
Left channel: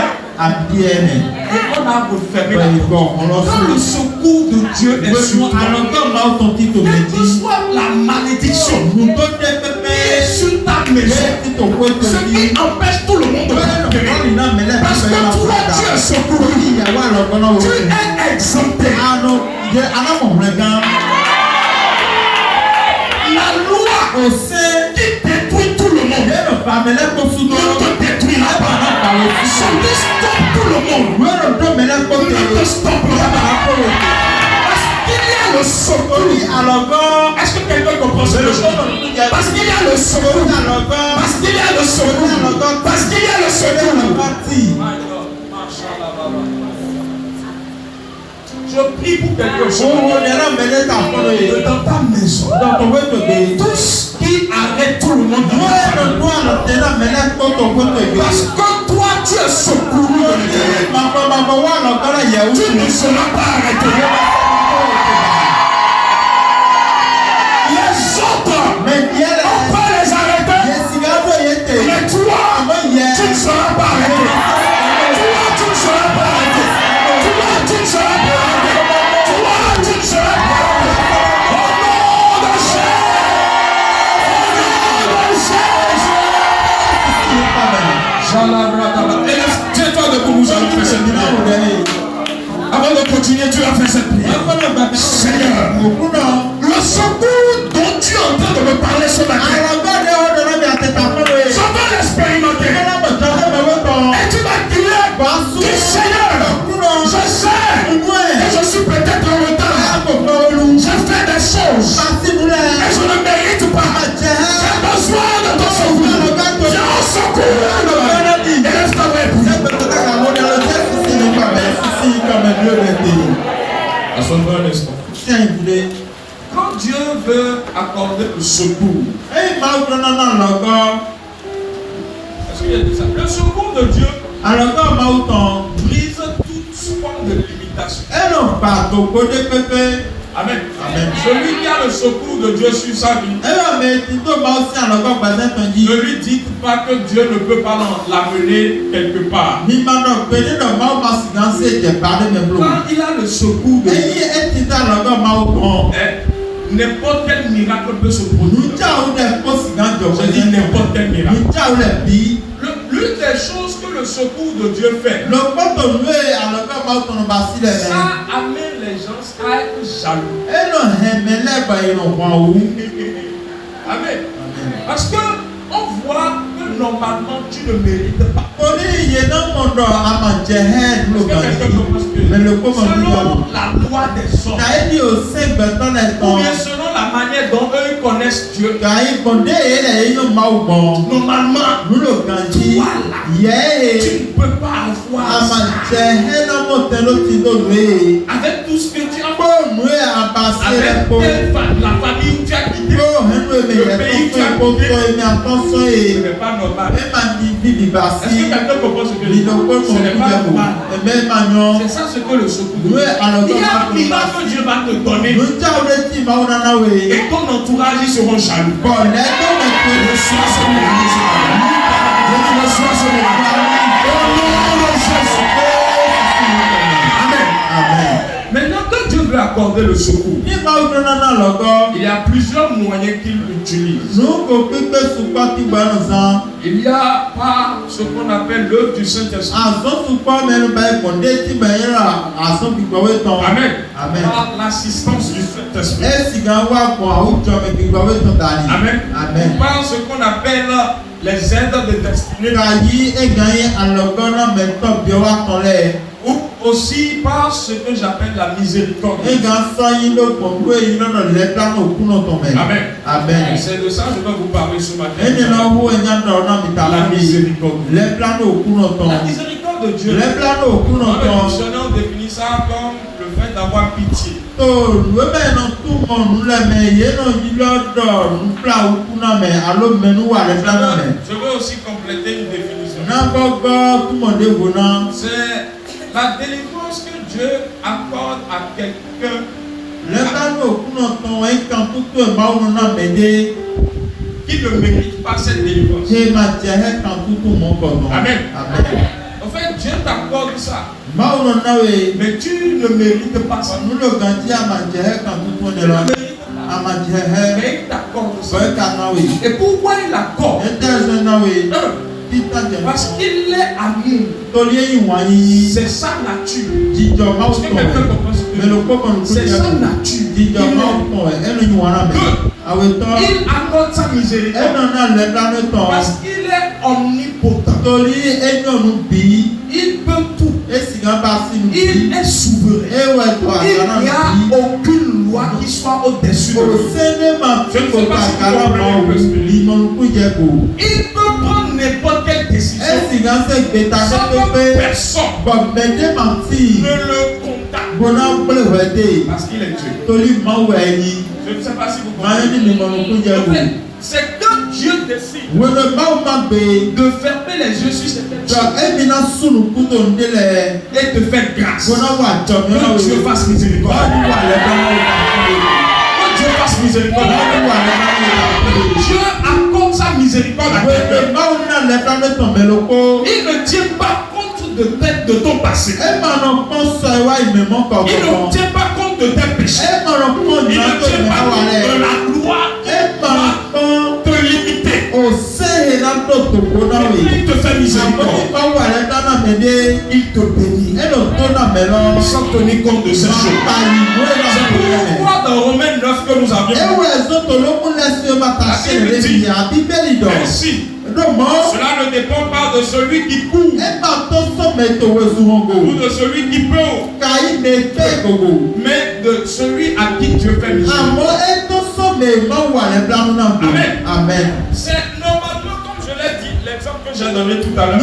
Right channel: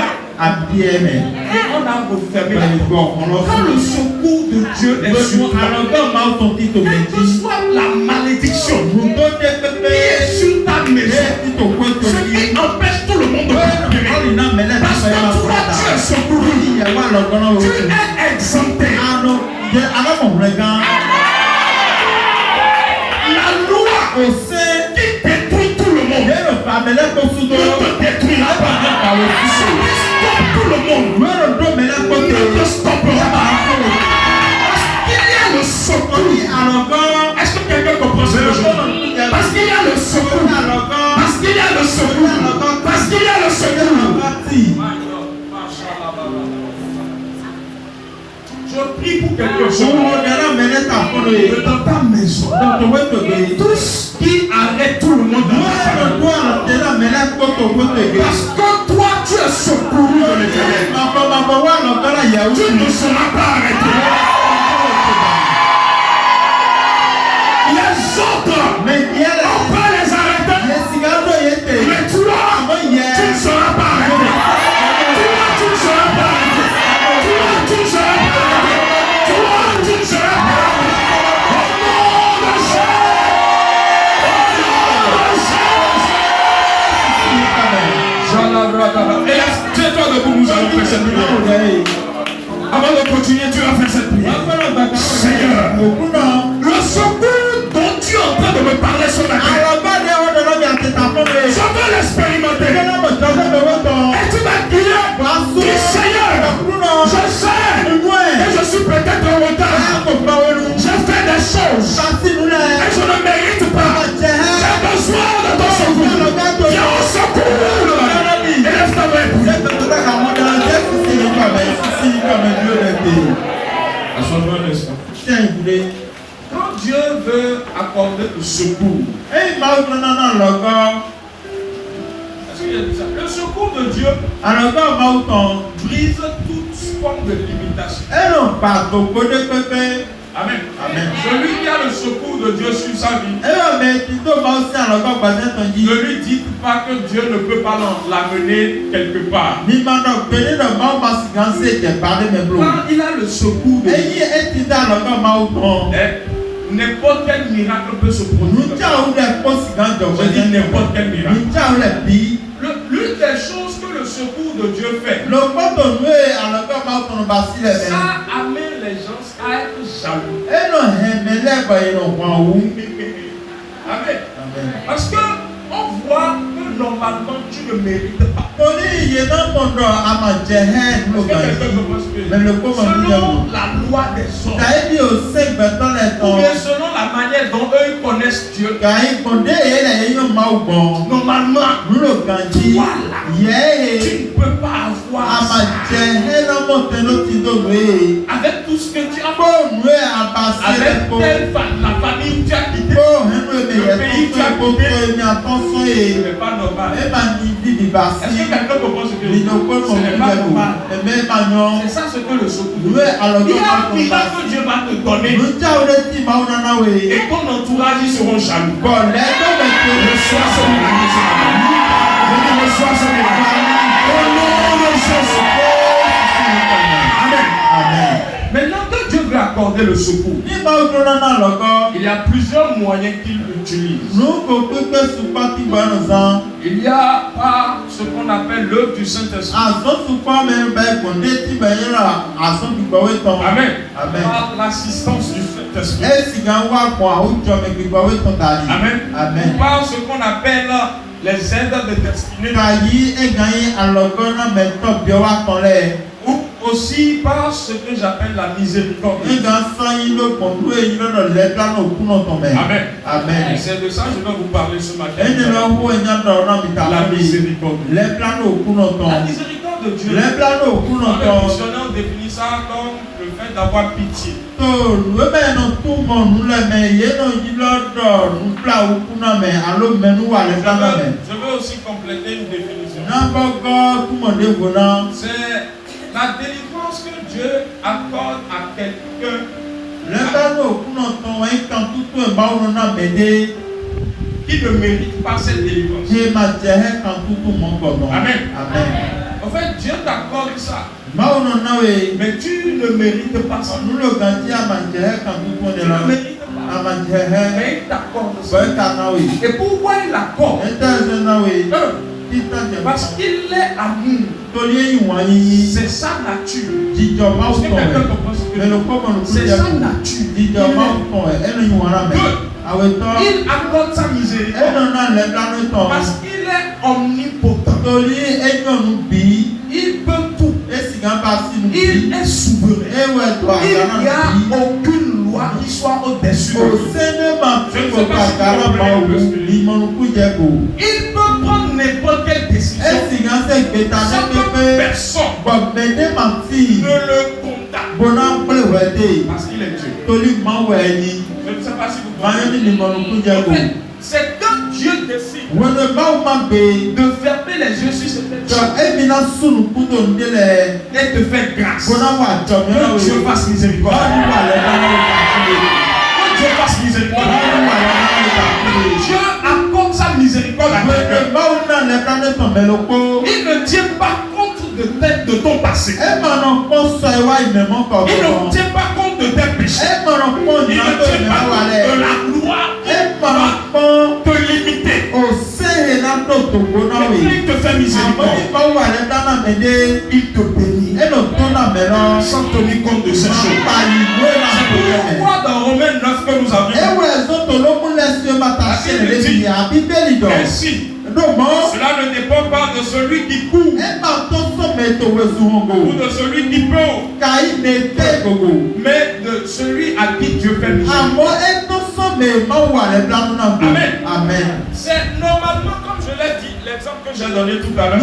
Et on a refermé la porte. Quand le secours de Dieu est sur toi, quelle que soit la malédiction qui est sur ta maison, ce qui empêche tout le monde de prospérer. Parce que toi, tu es secouru. Tu es exempté. La loi qui détruit tout le monde ne te détruira pas. Celui stoppe tout le monde ne te stoppera pas. Parce qu'il y a le secours. Est-ce que quelqu'un comprend ce que je dis? Parce qu'il y a le secours. Parce qu'il y a le secours. Parce qu'il y a le secours. Je prie pour quelque chose dans ta maison. Tout ce qui arrête tout le monde. Parce que toi, tu es secouru de l'Éternel. Tu ne seras pas arrêté. Les autres, on peut les arrêter. Mais toi, tu ne seras pas arrêté. Toi, tu ne seras pas arrêté. Toi, tu ne seras pas arrêté. Toi, tu ne seras pas arrêté. Au nom de Jésus. Au nom de Jésus. Et tiens-toi debout, nous allons faire cette prière. Avant Avant de continuer, tu vas faire cette prière. Seigneur, le secours dont tu es en train de me parler sur la terre, je veux l'expérimenter. Et tu m'as dit, Seigneur, je sais, et je suis peut-être en retard. Je fais des choses, et je ne mérite pas. J'ai besoin de ton secours. Viens au secours. Élève ta main. Assois-toi un instant. Quand Dieu veut accorder le secours, est-ce qu'il a dit ça? Le secours de Dieu brise toute forme de limitation. Amen. Amen. Celui qui a le secours de Dieu sur sa vie, ne lui dites pas que Dieu ne peut pas l'amener quelque part. Quand il a le secours de Dieu, n'importe quel miracle peut se produire. Je dis n'importe quel miracle. L'une des choses que le secours de Dieu fait, ça amène les gens à être jaloux. Amen. Parce que on voit que normalement tu ne mérites pas. Selon la loi des hommes, ou bien selon la manière dont eux ils connaissent Dieu, normalement, toi là, tu ne peux pas avoir avec tout ce que tu as, avec telle femme, la famille où tu as quitté, le pays où tu as quitté, ce n'est pas normal. Est-ce que quelqu'un comprend ce que je dis? Ce n'est pas normal. C'est ça ce que le secours. Il y a un miracle que Dieu va te donner. Et ton entourage, ils seront jaloux. Reçois ce miracle. Reçois ce miracle. Maintenant que Dieu veut accorder le secours, il y a plusieurs moyens qu'il utilise. Il y a par ce qu'on appelle l'œuvre du Saint-Esprit. Amen. Par l'assistance du Saint-Esprit. Amen. Ou par ce qu'on appelle les aides de destinée. Ou aussi par ce que j'appelle la miséricorde. Amen. Amen. C'est de ça que je dois vous parler ce matin. La miséricorde. La miséricorde de Dieu. Dans le dictionnaire, on définit ça comme le fait d'avoir pitié. Je veux aussi compléter une définition. C'est la délivrance que Dieu accorde à quelqu'un qui ne mérite pas cette délivrance. Amen. En fait, Dieu t'accorde ça. Mais tu ne mérites pas ça. Tu ne mérites pas. Mais il t'accorde ça. Et pourquoi il l'accorde? Parce qu'il est amour. C'est sa nature. Est-ce que quelqu'un comprend ce que je dis? C'est sa nature. Il accorde sa miséricorde parce qu'il est omnipotent. Il peut tout. Il est souverain. Il n'y a aucune loi qui soit au-dessus de lui. Je ne sais pas si vous comprenez. Il peut prendre n'importe quelle décision. Sans que personne ne le contacte. Parce qu'il est Dieu. Je ne sais pas si vous comprenez. C'est quand Dieu décide de fermer les yeux sur certaines choses et de faire grâce. Que Dieu fasse miséricorde. Que Dieu fasse miséricorde. Dieu accorde sa miséricorde à quelqu'un. Il ne tient pas compte de ton passé. Il ne tient pas compte de tes péchés. Il ne tient pas compte de la loi te limiter. Il te fait miséricorde. Il te bénit. Sans que tenir compte de ces choses. C'est pourquoi dans Romains 9 que nous avions dit, ainsi, cela ne dépend pas de celui qui court ou de celui qui peut, mais de celui à qui Dieu fait miséricorde. Amen. Amen. C'est normalement, comme je l'ai dit, l'exemple que j'ai donné tout à l'heure.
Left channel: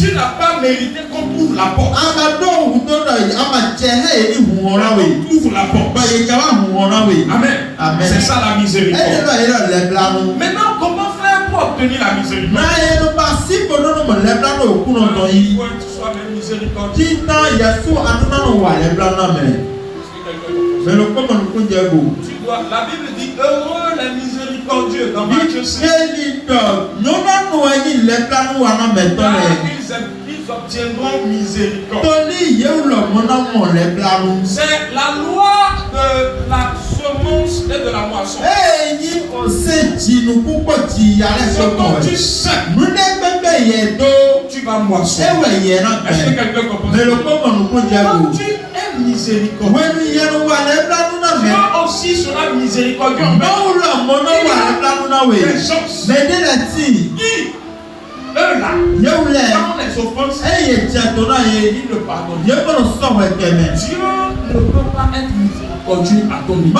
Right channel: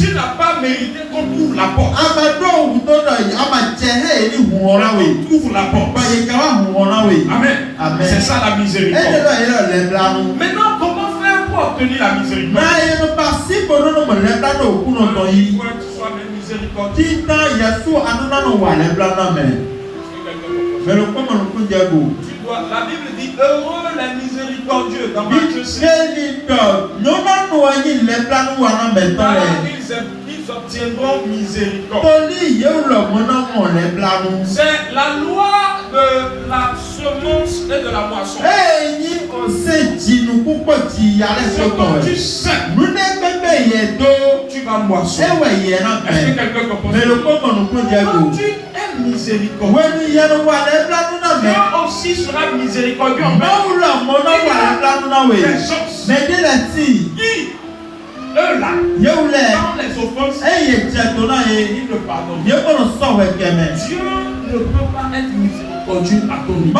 Tu n'as pas mérité qu'on ouvre la porte. On ouvre la porte. Amen. Amen. C'est ça la miséricorde. Maintenant, comment faire pour obtenir la miséricorde? Il faut être soi-même miséricordieux. La Bible dit heureux les miséricordieux dans Matthieu 6. Ils obtiendront miséricorde. C'est la loi de la semence et de la moisson. Quand tu sèmes, tu vas moissonner. Est-ce que quelqu'un comprend? Quand tu es miséricordieux, Dieu aussi sera miséricordieux. Eux là, quand les offenses, ils ne pardonnent. Dieu ne peut pas être miséricordieux à ton niveau.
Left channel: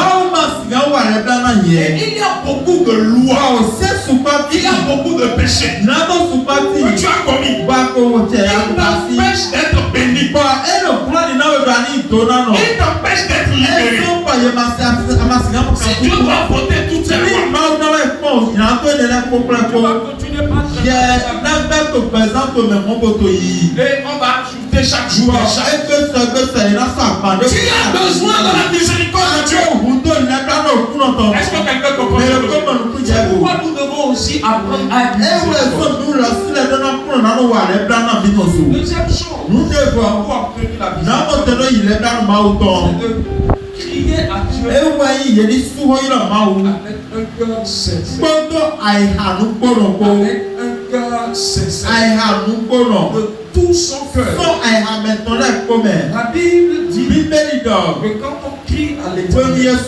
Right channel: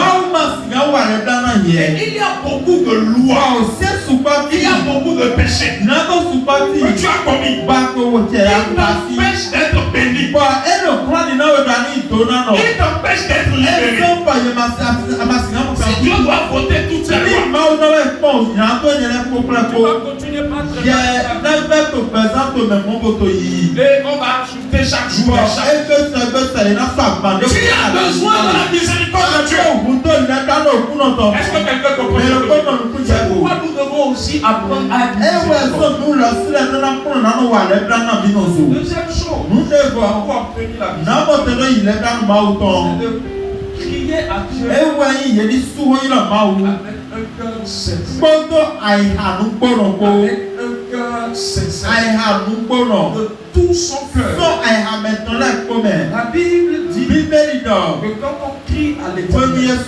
Et il y a beaucoup de lois, il y a beaucoup de péchés que tu as commis. Il t'empêche d'être béni. Il t'empêche d'être libéré. Si Dieu doit voter toutes ces lois, tu vas continuer par et on va ajouter chaque jour. Tu as besoin de la miséricorde de Dieu. Est-ce que quelqu'un comprend? C'est pourquoi nous devons aussi apprendre à être miséricordieux. Deuxième chose, nous devons obtenir la miséricorde. C'est de crier à Dieu avec un cœur sincère. De tout son cœur. La Bible dit que quand on crie à l'Éternel,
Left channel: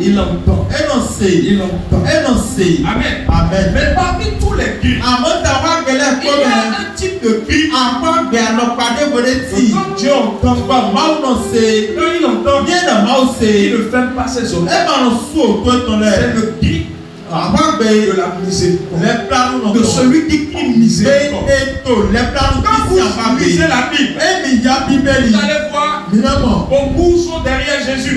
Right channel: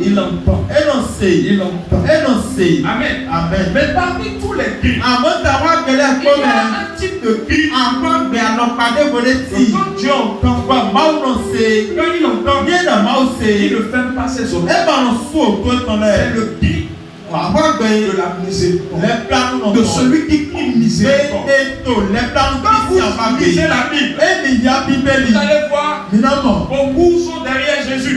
il entend. Amen. Amen. Mais parmi tous les cris, il y a un type de cri quand Dieu entend. Quand il entend, il ne ferme pas ses oreilles. C'est le cri de la miséricorde, de celui qui crie miséricorde. Quand vous lisez la Bible, vous allez voir, beaucoup sont derrière Jésus.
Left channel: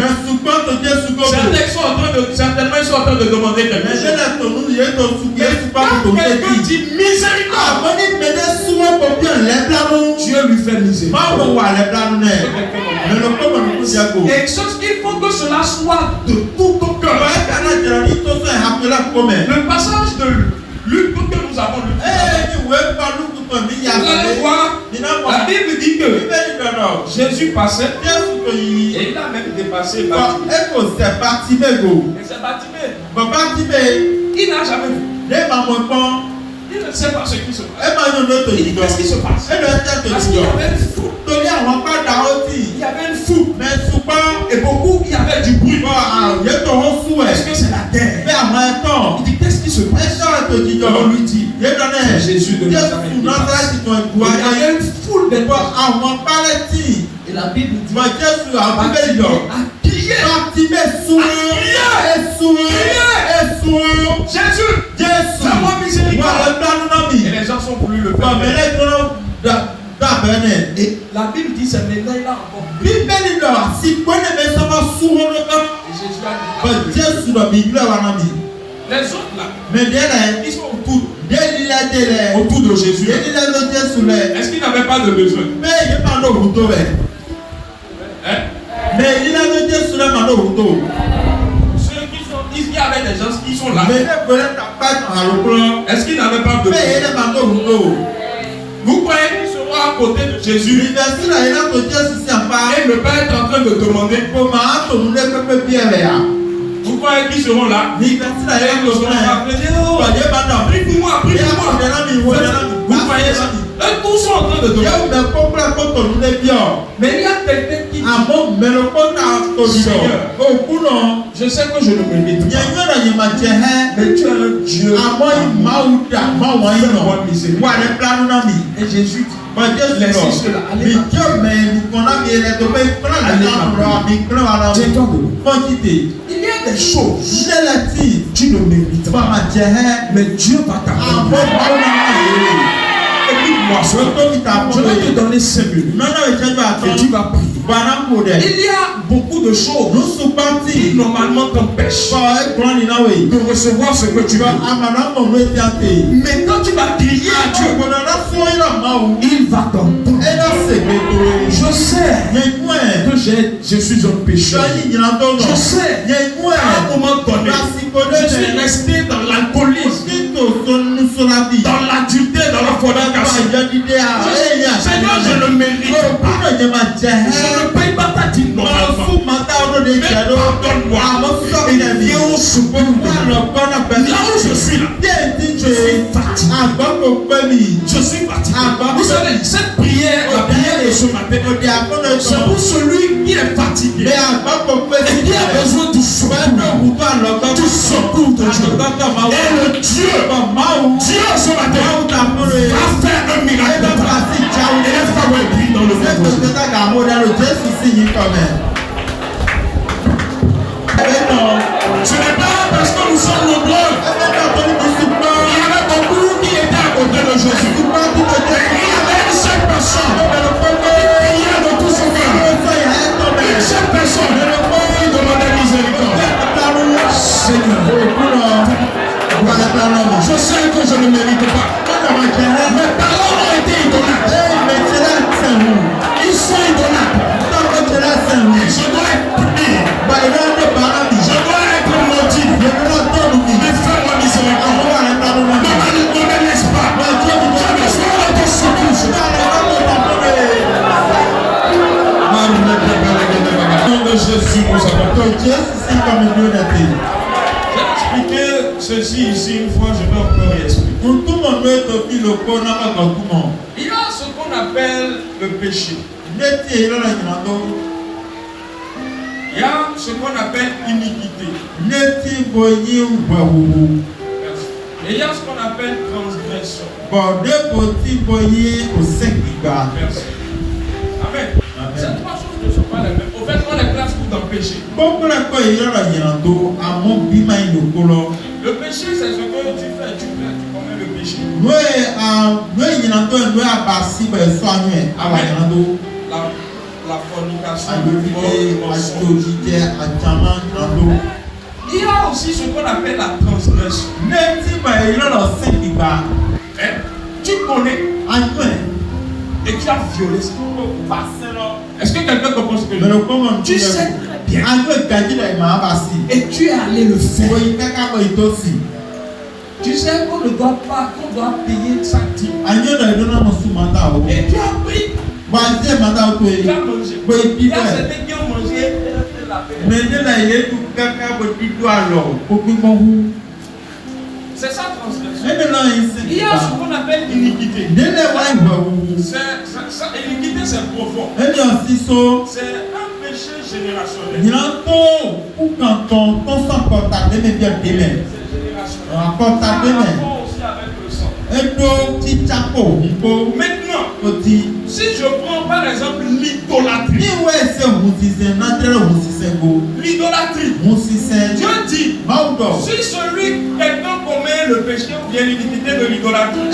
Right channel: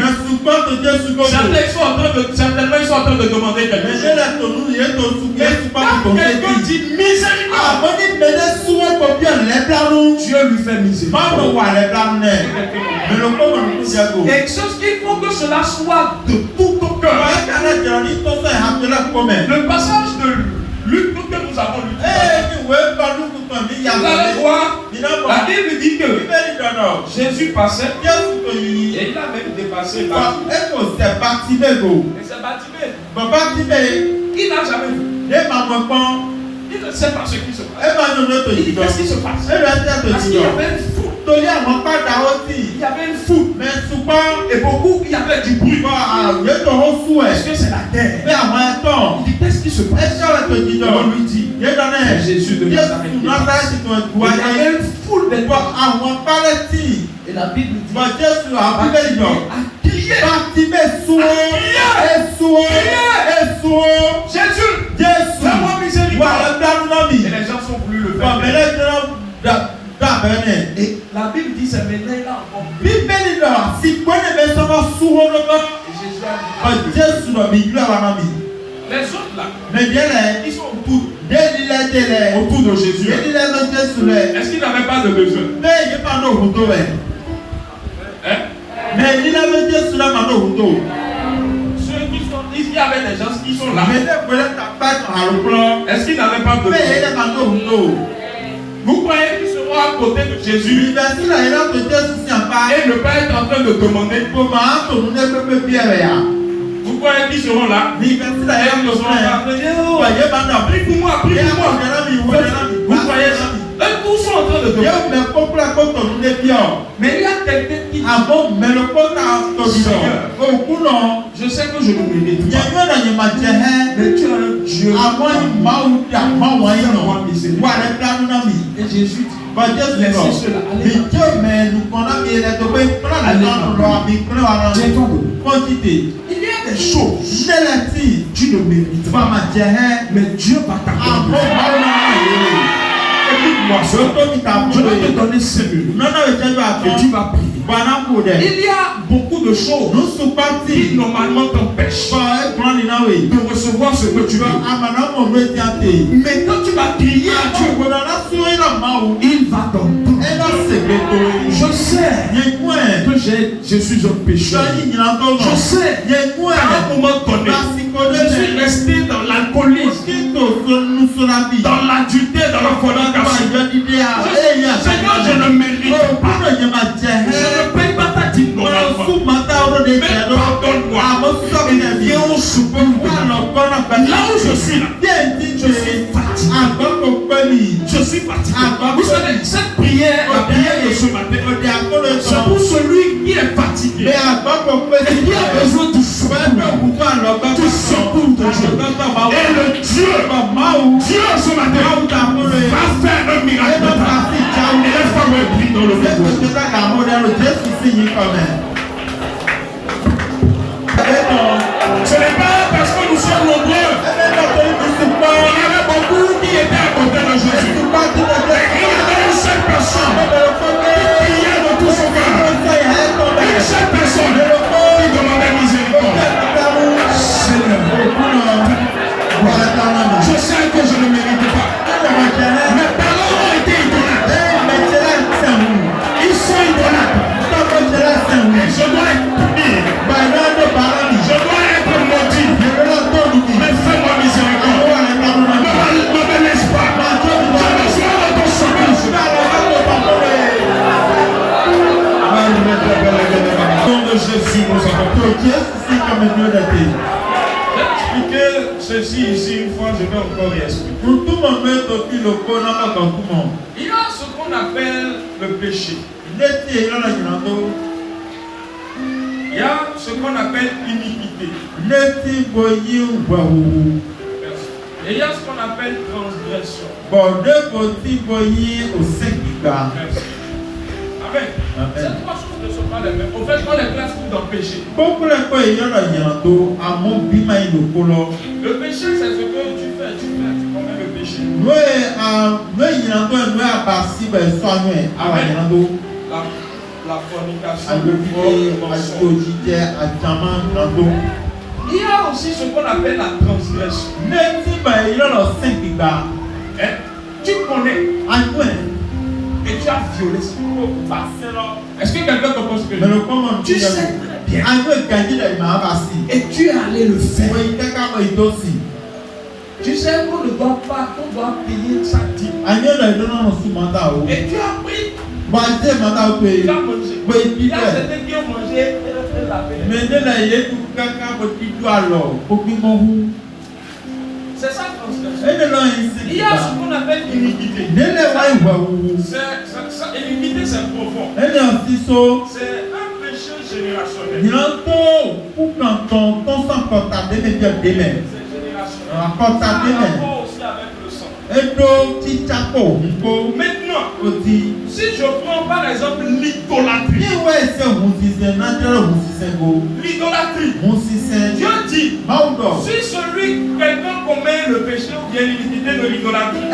Certainement ils sont en train de demander quelque chose. Mais quand quelqu'un dit miséricorde, Dieu lui fait miséricorde. Et il faut que cela soit de tout ton cœur. Le passage de Luc que nous avons lu, vous allez voir, la Bible dit que Jésus passait et il a même dépassé Bartimée. Et c'est Bartimée. Il n'a jamais vu. Il ne sait pas ce qui se passe. Il dit qu'est-ce qui se passe? Parce qu'il y avait une foule. Il y avait une foule. Et beaucoup, il y avait du bruit. Est-ce que c'est la terre? Il dit qu'est-ce qui se passe? On lui dit c'est Jésus de Nazareth. Il y avait une foule de gens. Et la Bible dit Jésus, fais-moi miséricorde. Et les gens sont voulu le faire. Et la Bible dit c'est maintenant il a encore plus. Et Jésus a dit les autres là, ils sont autour de Jésus. Est-ce qu'ils n'avaient pas de besoin? Ceux qui sont, il y avait des gens qui sont là. Est-ce qu'ils n'avaient pas de besoin? Vous croyez qu'ils seront à côté de Jésus et ne pas être en train de demander? Vous croyez qu'ils seront là? Ils seront là. Prie pour moi. Vous croyez ça? Eux tous sont en train de demander. Mais il y a quelqu'un qui dit, Seigneur, je sais que je ne me mérite pas. Mais tu es un Dieu. Et Jésus dit, laissez cela. Il y a des choses tu ne mérites pas. Mais Dieu va t'accorder. Écoute-moi, je vais te donner 5 minutes et tu vas prier. Il y a beaucoup de choses qui normalement t'empêchent de recevoir ce que tu veux. Mais quand tu vas crier à Dieu, il va t'entendre. Je sais que je suis un pécheur. Je sais qu'à un moment donné, je suis resté dans l'alcoolisme, dans l'adultère, dans la fornication. Seigneur, je ne mérite pas. Je ne paye pas ta dîme normalement. Mais pardonne-moi. Et viens au secours. Là où je suis là, je suis fatigué. Je suis fatigué. Vous savez, cette prière, la prière de ce matin, c'est pour celui qui est fatigué et qui a besoin du secours de Dieu. Et le Dieu ce matin va faire un miracle. Et la femme est prise dans le monde. Ce n'est pas parce que nous sommes nombreux. Il y en a beaucoup qui étaient à côté de Jésus. Il y avait une seule personne qui priait de tout son cœur. Une seule personne qui demandait miséricorde. Seigneur, je sais que je ne mérite pas. Mes parents ont été idolâtres. Ils sont idolâtres. Et je dois être puni. Je dois être maudit. Mais fais-moi miséricorde. Ne me laisse pas. J'ai besoin de ton secours. Au nom de Jésus, nous avons prié. J'ai expliqué ceci ici une fois, je vais encore y expliquer. Il y a ce qu'on appelle le péché. Il y a ce qu'on appelle iniquité. Et il y a ce qu'on appelle transgression. Merci. Amen. Ces trois choses ne sont pas les mêmes. Au fait, on les classe tous dans le péché. Le péché, c'est ce que tu fais. Tu commets le péché. Amen. La fornication. Il y a aussi ce qu'on appelle la transgression. Tu connais et tu as violé ça. Est-ce que quelqu'un comprend ce que je veux dire? Tu sais très bien et tu es allé le faire. Tu sais qu'on ne doit pas, qu'on doit payer sa dîme. Et tu as pris. Tu as mangé. Il y a certains qui ont mangé et la paix. C'est ça transgression. Il y a ce qu'on appelle iniquité. Iniquité, c'est profond. C'est un péché générationnel. C'est générationnel. Aussi avec le sang. Maintenant, si je prends par exemple l'idolâtrie. L'idolâtrie. Dieu dit, si quelqu'un commet le péché ou bien l'iniquité de l'idolâtrie,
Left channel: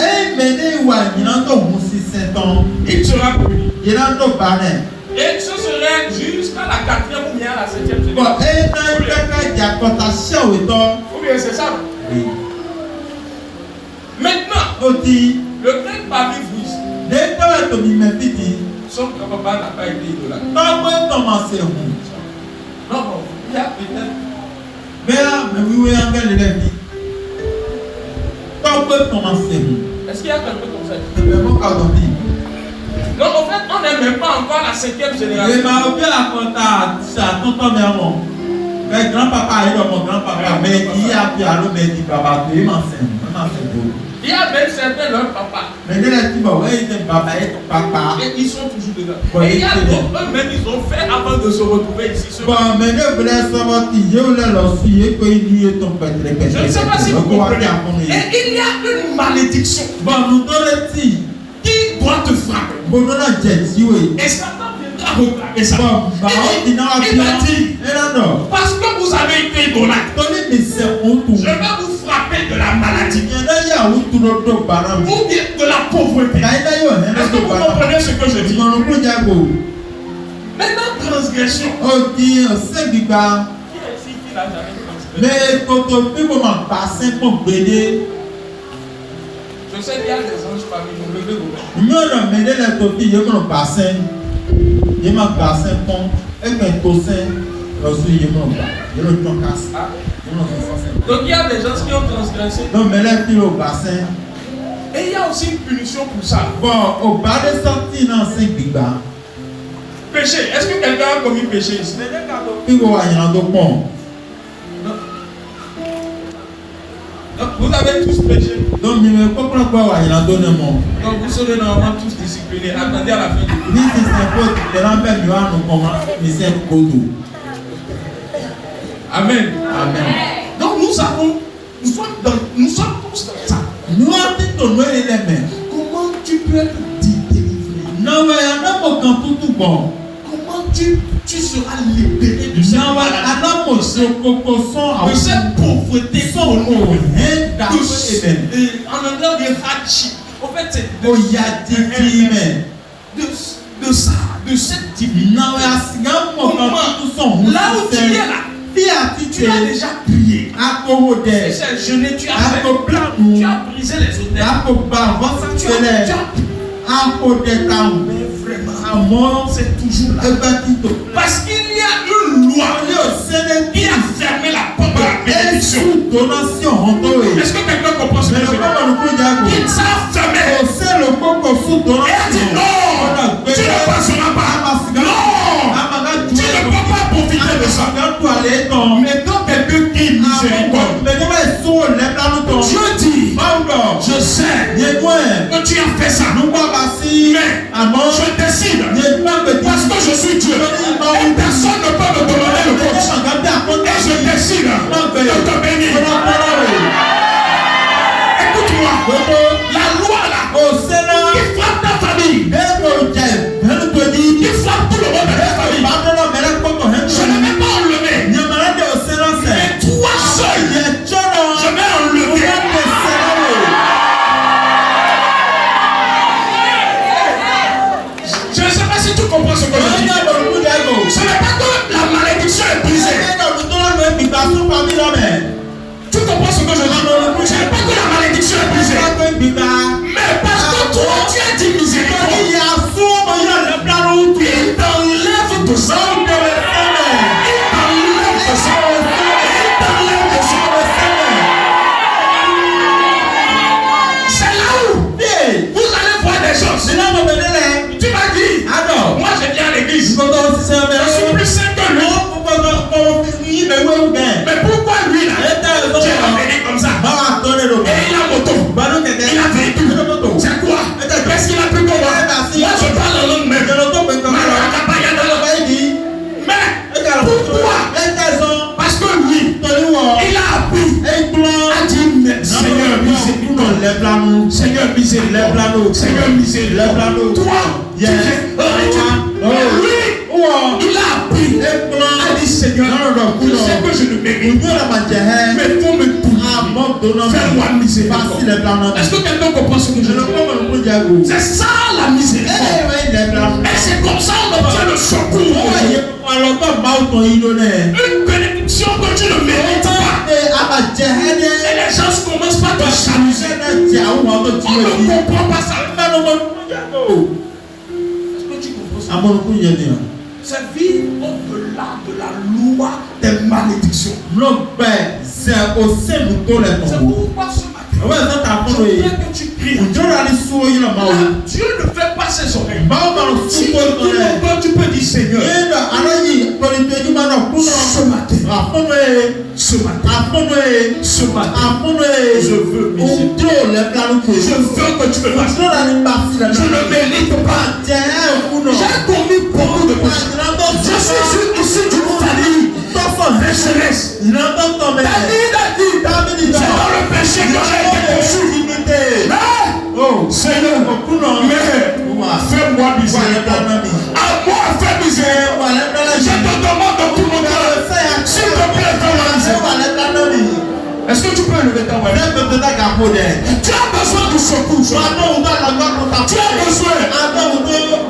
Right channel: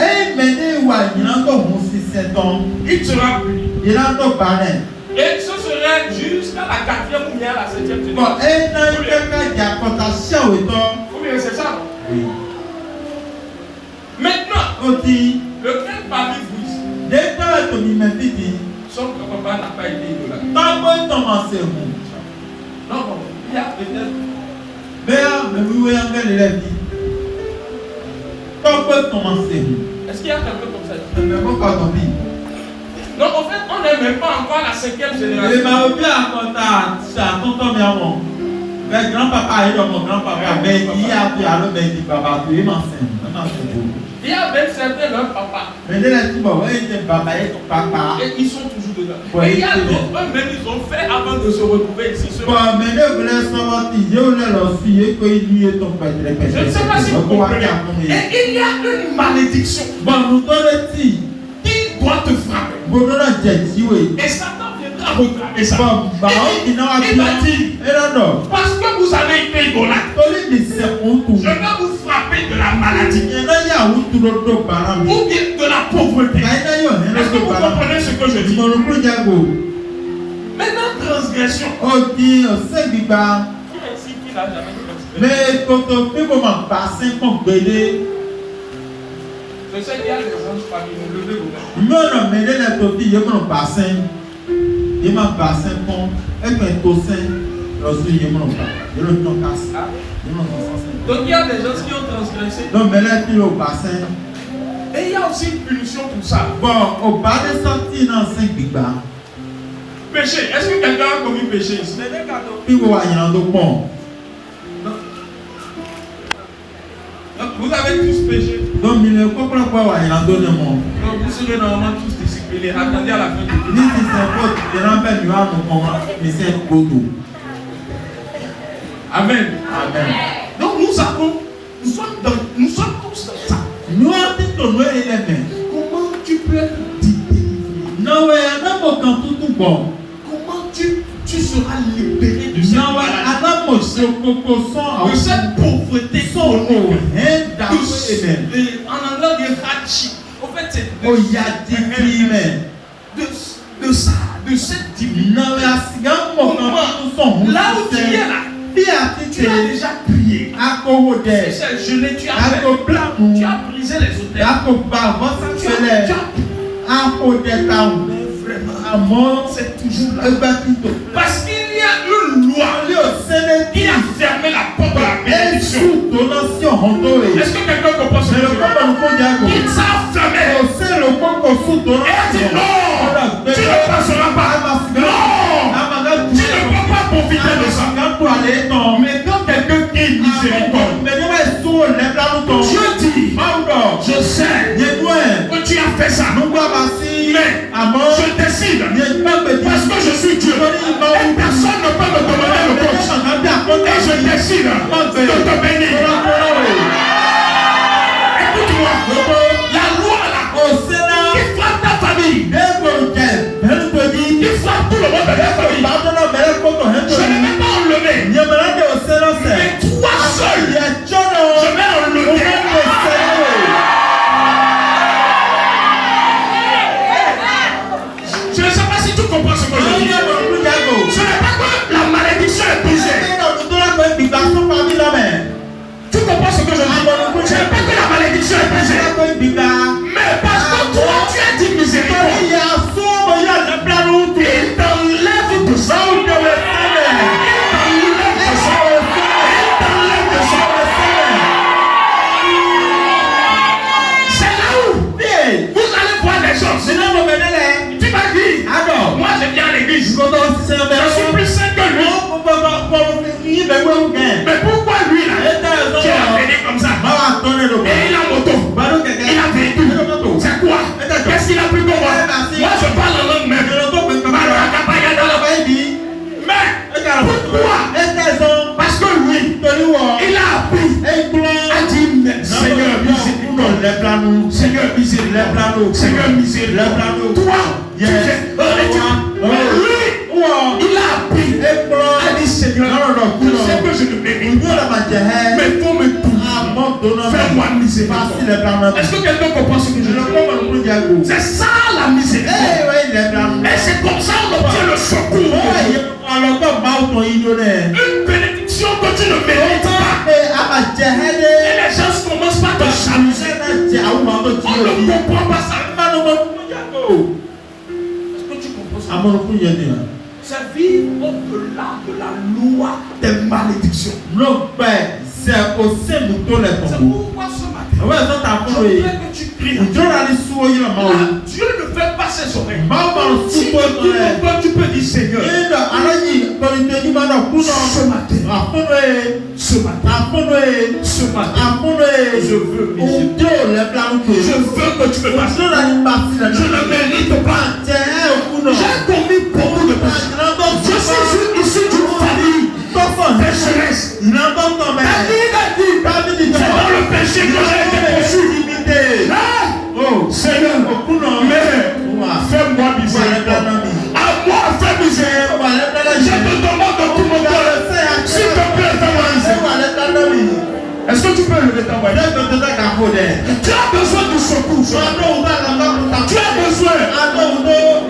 il sera puni. Et ce serait jusqu'à la 4e ou bien la 7e génération. Ou bien c'est ça. Oui. Maintenant, lequel parmi vous son papa n'a pas été idolâtre? Non, il y a peut-être. Est-ce qu'il y a quelqu'un comme ça? Non, en fait, on n'est même pas encore la 5e génération. Mais grand-papa est mon grand-papa. Mais il y a qui a le même papa. Il m'enseigne. Il y a même certains leur papa. Mais les gens qui ont papa et papa. Et ils sont toujours dedans. Et il y a d'autres, eux-mêmes, ils ont fait avant de se retrouver ici. Mais ne voulez savoir qui je voulais leur fille qu'il y ait ton père. Je ne sais pas si vous comprenez. Et il y a une malédiction. Bon, nous donnons qui doit te frapper. Bon, nous donnons et Satan viendra regarder ça. Il va dire, parce que vous avez été ignorant, je vais vous frapper de la maladie ou bien de la pauvreté. Est-ce que vous comprenez ce que je dis? Maintenant, transgression. Qui mais quand on peut passer pour aider. Je sais qu'il y a des anges parmi nous, levez vos mains. Non, mais les topiques, ils vont passer. Ils vont passer pour un tossin. Donc il y a des gens qui ont transgressé. Non, mais là, qui ont passé. Et il y a aussi une punition pour ça. Bon, au bas de sortie dans 5 bigas. Péché. Est-ce que quelqu'un a commis péché ici? Il va y avoir un pont. Vous avez tous péché. Donc, il ne comprend pas où il y a un monde. Donc, vous serez normalement tous disciplinés. Attendez à la fin du cours. This is the point. The number you are no more. Monsieur Kodo. Amen. Amen. Donc, nous sommes tous dans ça. Nous avons dit comment tu peux te délivrer? Non, mais il y a un homme quand tout bon. Comment tu seras libéré de cette maladie, de cette pauvreté, en anglais on dit hardship. En fait, c'est de ça, de cette divinité. Là où tu es là, tu as déjà prié. Tu as jeûné, tu as fait. Tu as brisé les hôtels. Mais vraiment, c'est toujours là. Parce qu'il y a une loi qui a fermé la porte de la bénédiction. Est-ce que quelqu'un comprend ce que je veux dire? Il s'est fermé. Et a dit non, tu ne passeras pas. Non, tu ne peux pas profiter de ça. Mais quand quelqu'un qui est miséricorde, Dieu dit, je sais que tu as fait ça. Mais je décide, parce que je suis Dieu, et personne ne peut me demander le compte. Et je décide de te bénir. Écoute-moi, la loi là, qui frappe ta famille, qui frappe tout le monde de ta famille, je ne vais pas enlever. Mais toi seul, je vais enlever. Je ne sais pas si tu comprends ce que je dis. Ce n'est pas que la malédiction est brisée. Tu comprends ce que je dis? Ce n'est pas que la malédiction est brisée. Mais parce que toi, tu as dit miséricorde. Il t'enlève tout ça. C'est là où vous allez voir des choses. Tu m'as dit, moi je viens à l'église. Je suis plus saint que lui. Mais pourquoi lui là? Dieu l'a béni comme ça. Et il a moto. Il a véhicule. C'est quoi? Qu'est-ce qu'il a pu comprendre? Moi je parle en langue même. Mais pourquoi? Parce que lui, il a appris à dire Seigneur miséricorde. Seigneur miséricorde. Seigneur miséricorde. Toi, tu es lui, il a appris à dire Seigneur, je sais que je ne mérite pas, mais toi me punis. Fais-moi miséricorde. Est-ce que quelqu'un comprend ce que je dis? C'est ça la miséricorde. Et c'est comme ça qu'on obtient le secours. Une bénédiction que tu ne mérites pas. Et les gens commencent par te jalouser. On ne comprend pas ça. Est-ce que tu comprends ça? C'est vivre au-delà de la loi des malédictions. C'est pourquoi ce matin, je voudrais que tu pries. Dieu ne fait pas ses oreilles. Si tu peux dire Seigneur, Ce matin, je veux miséricorde. Je veux que tu me passes. Je ne mérite pas. J'ai commis beaucoup de péchés. Je suis issu d'une famille pécheresse. C'est dans le péché que j'ai été conçu. Seigneur, fais-moi miséricorde. À moi, fais miséricorde. Je te demande de tout mon cœur. S'il te plaît, fais-moi miséricorde. Est-ce que tu peux lever ta main? Tu as besoin du secours. Tu as besoin.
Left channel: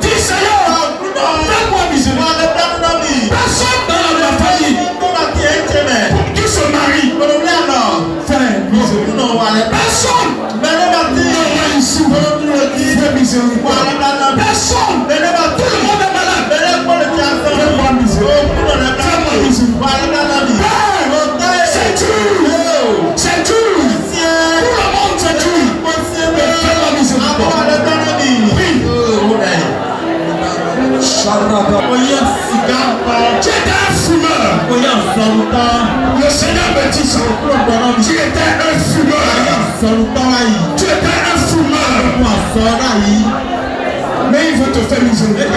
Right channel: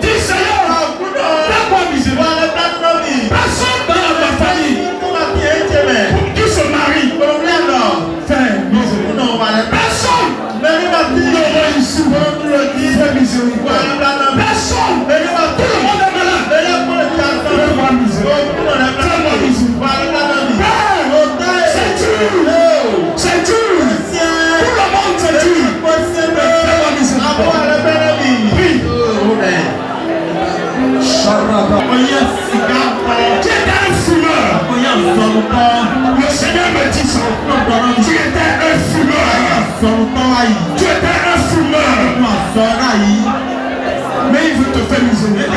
Dis Seigneur, fais-moi miséricorde. Personne dans ma famille qui se marie. Fais miséricorde. Personne ne va ici. Fais miséricorde. Personne. Tout le monde est malade. Fais-moi miséricorde. Fais-moi miséricorde. C'est dur. C'est dur. Tout le monde c'est dur. Fais-moi miséricorde. Tu étais un fumeur. Le Seigneur me dit ça. Tu étais un fumeur. Tu étais un fumeur. Mais il veut te faire miséricorde.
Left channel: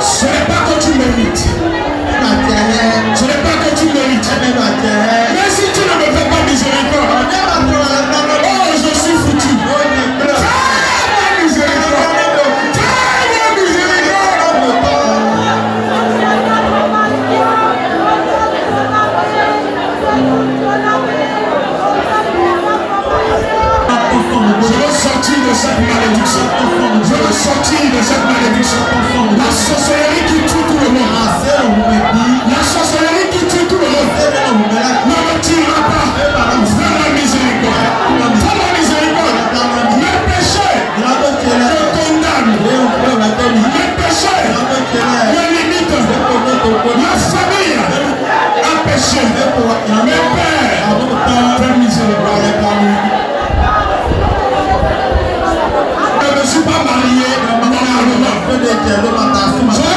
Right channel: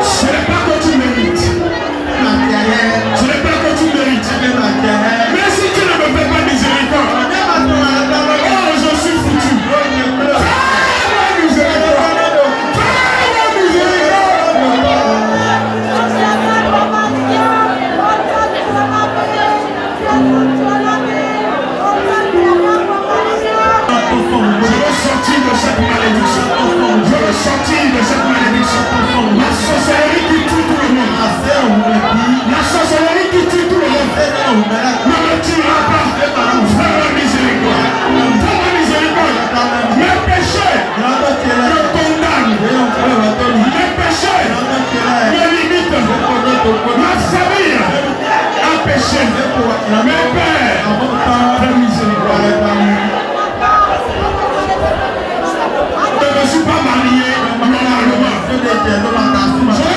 Ce n'est pas que tu mérites. Ce n'est pas que tu mérites. Mais si tu ne me fais pas miséricorde, oh, je suis foutu. Fais-moi miséricorde. Fais-moi Je veux sortir de cette malédiction. Je veux sortir de cette malédiction. La sorcellerie qui tue tout le monde. La sorcellerie qui tue tout le monde. Ne me tuera pas. Fais-moi miséricorde. Fais-moi miséricorde. Mes péchés me condamnent. Mes péchés me limitent. Ma famille a péché. Mes pères, fais miséricorde. Je ne suis pas marié normalement. Je n'ai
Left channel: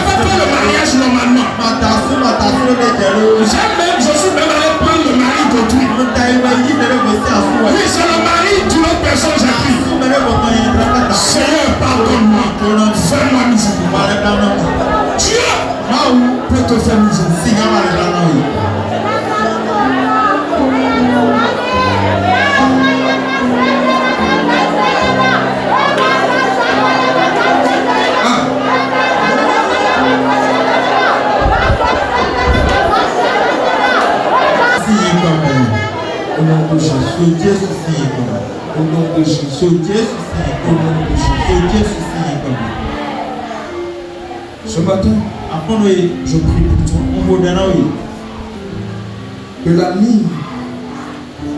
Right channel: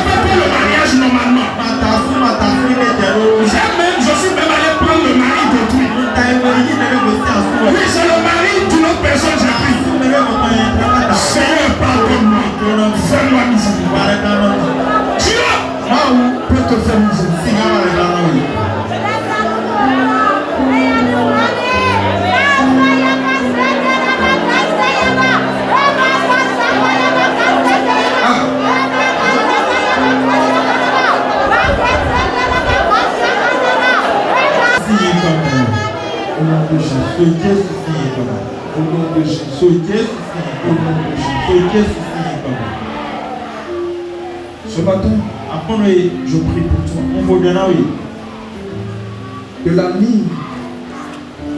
pas fait le mariage normalement. Je suis même allé prendre le mari d'autrui. Oui, c'est le mari d'une autre personne, j'ai pris. Seigneur, pardonne-moi. Fais-moi miséricorde. Dieu peut te faire miséricorde. Ce matin, je prie pour toi. Que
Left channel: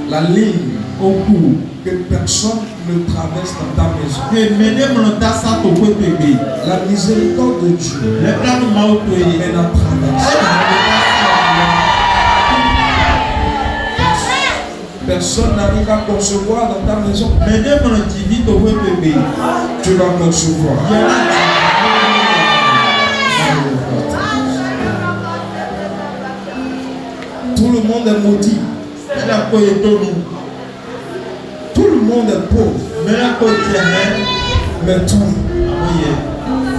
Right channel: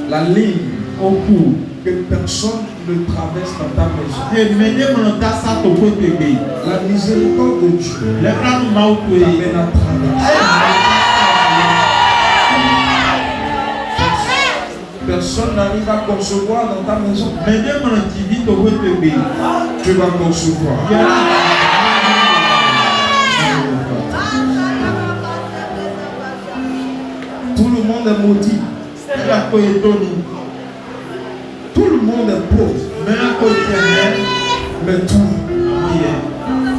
la ligne au cours, que personne ne traverse dans ta maison. La miséricorde de Dieu amène à traverser. Personne n'arrive à concevoir dans ta maison. Tu vas concevoir. Tout le monde est maudit. Tout le monde est pauvre. Mais toi,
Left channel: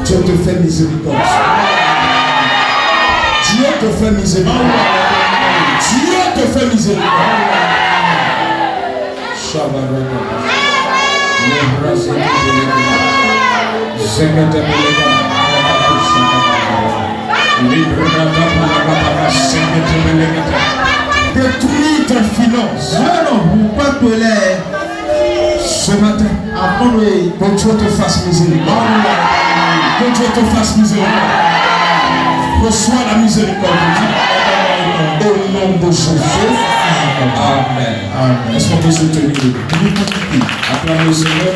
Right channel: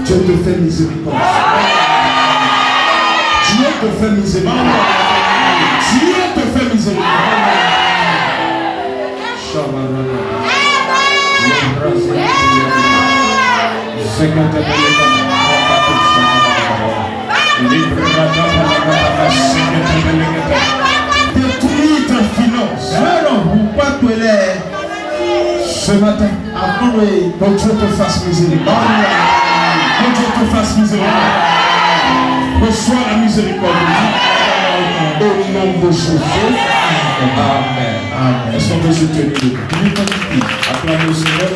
Dieu te fait miséricorde. Dieu te fait miséricorde. Dieu te fait miséricorde. Détruis ta finance. Ce matin, que Dieu te fasse miséricorde. Que Dieu te fasse miséricorde. Reçois la miséricorde de Dieu. Au nom de Jésus. Amen. Est-ce qu'on peut se tenir debout? Acclamez le Seigneur.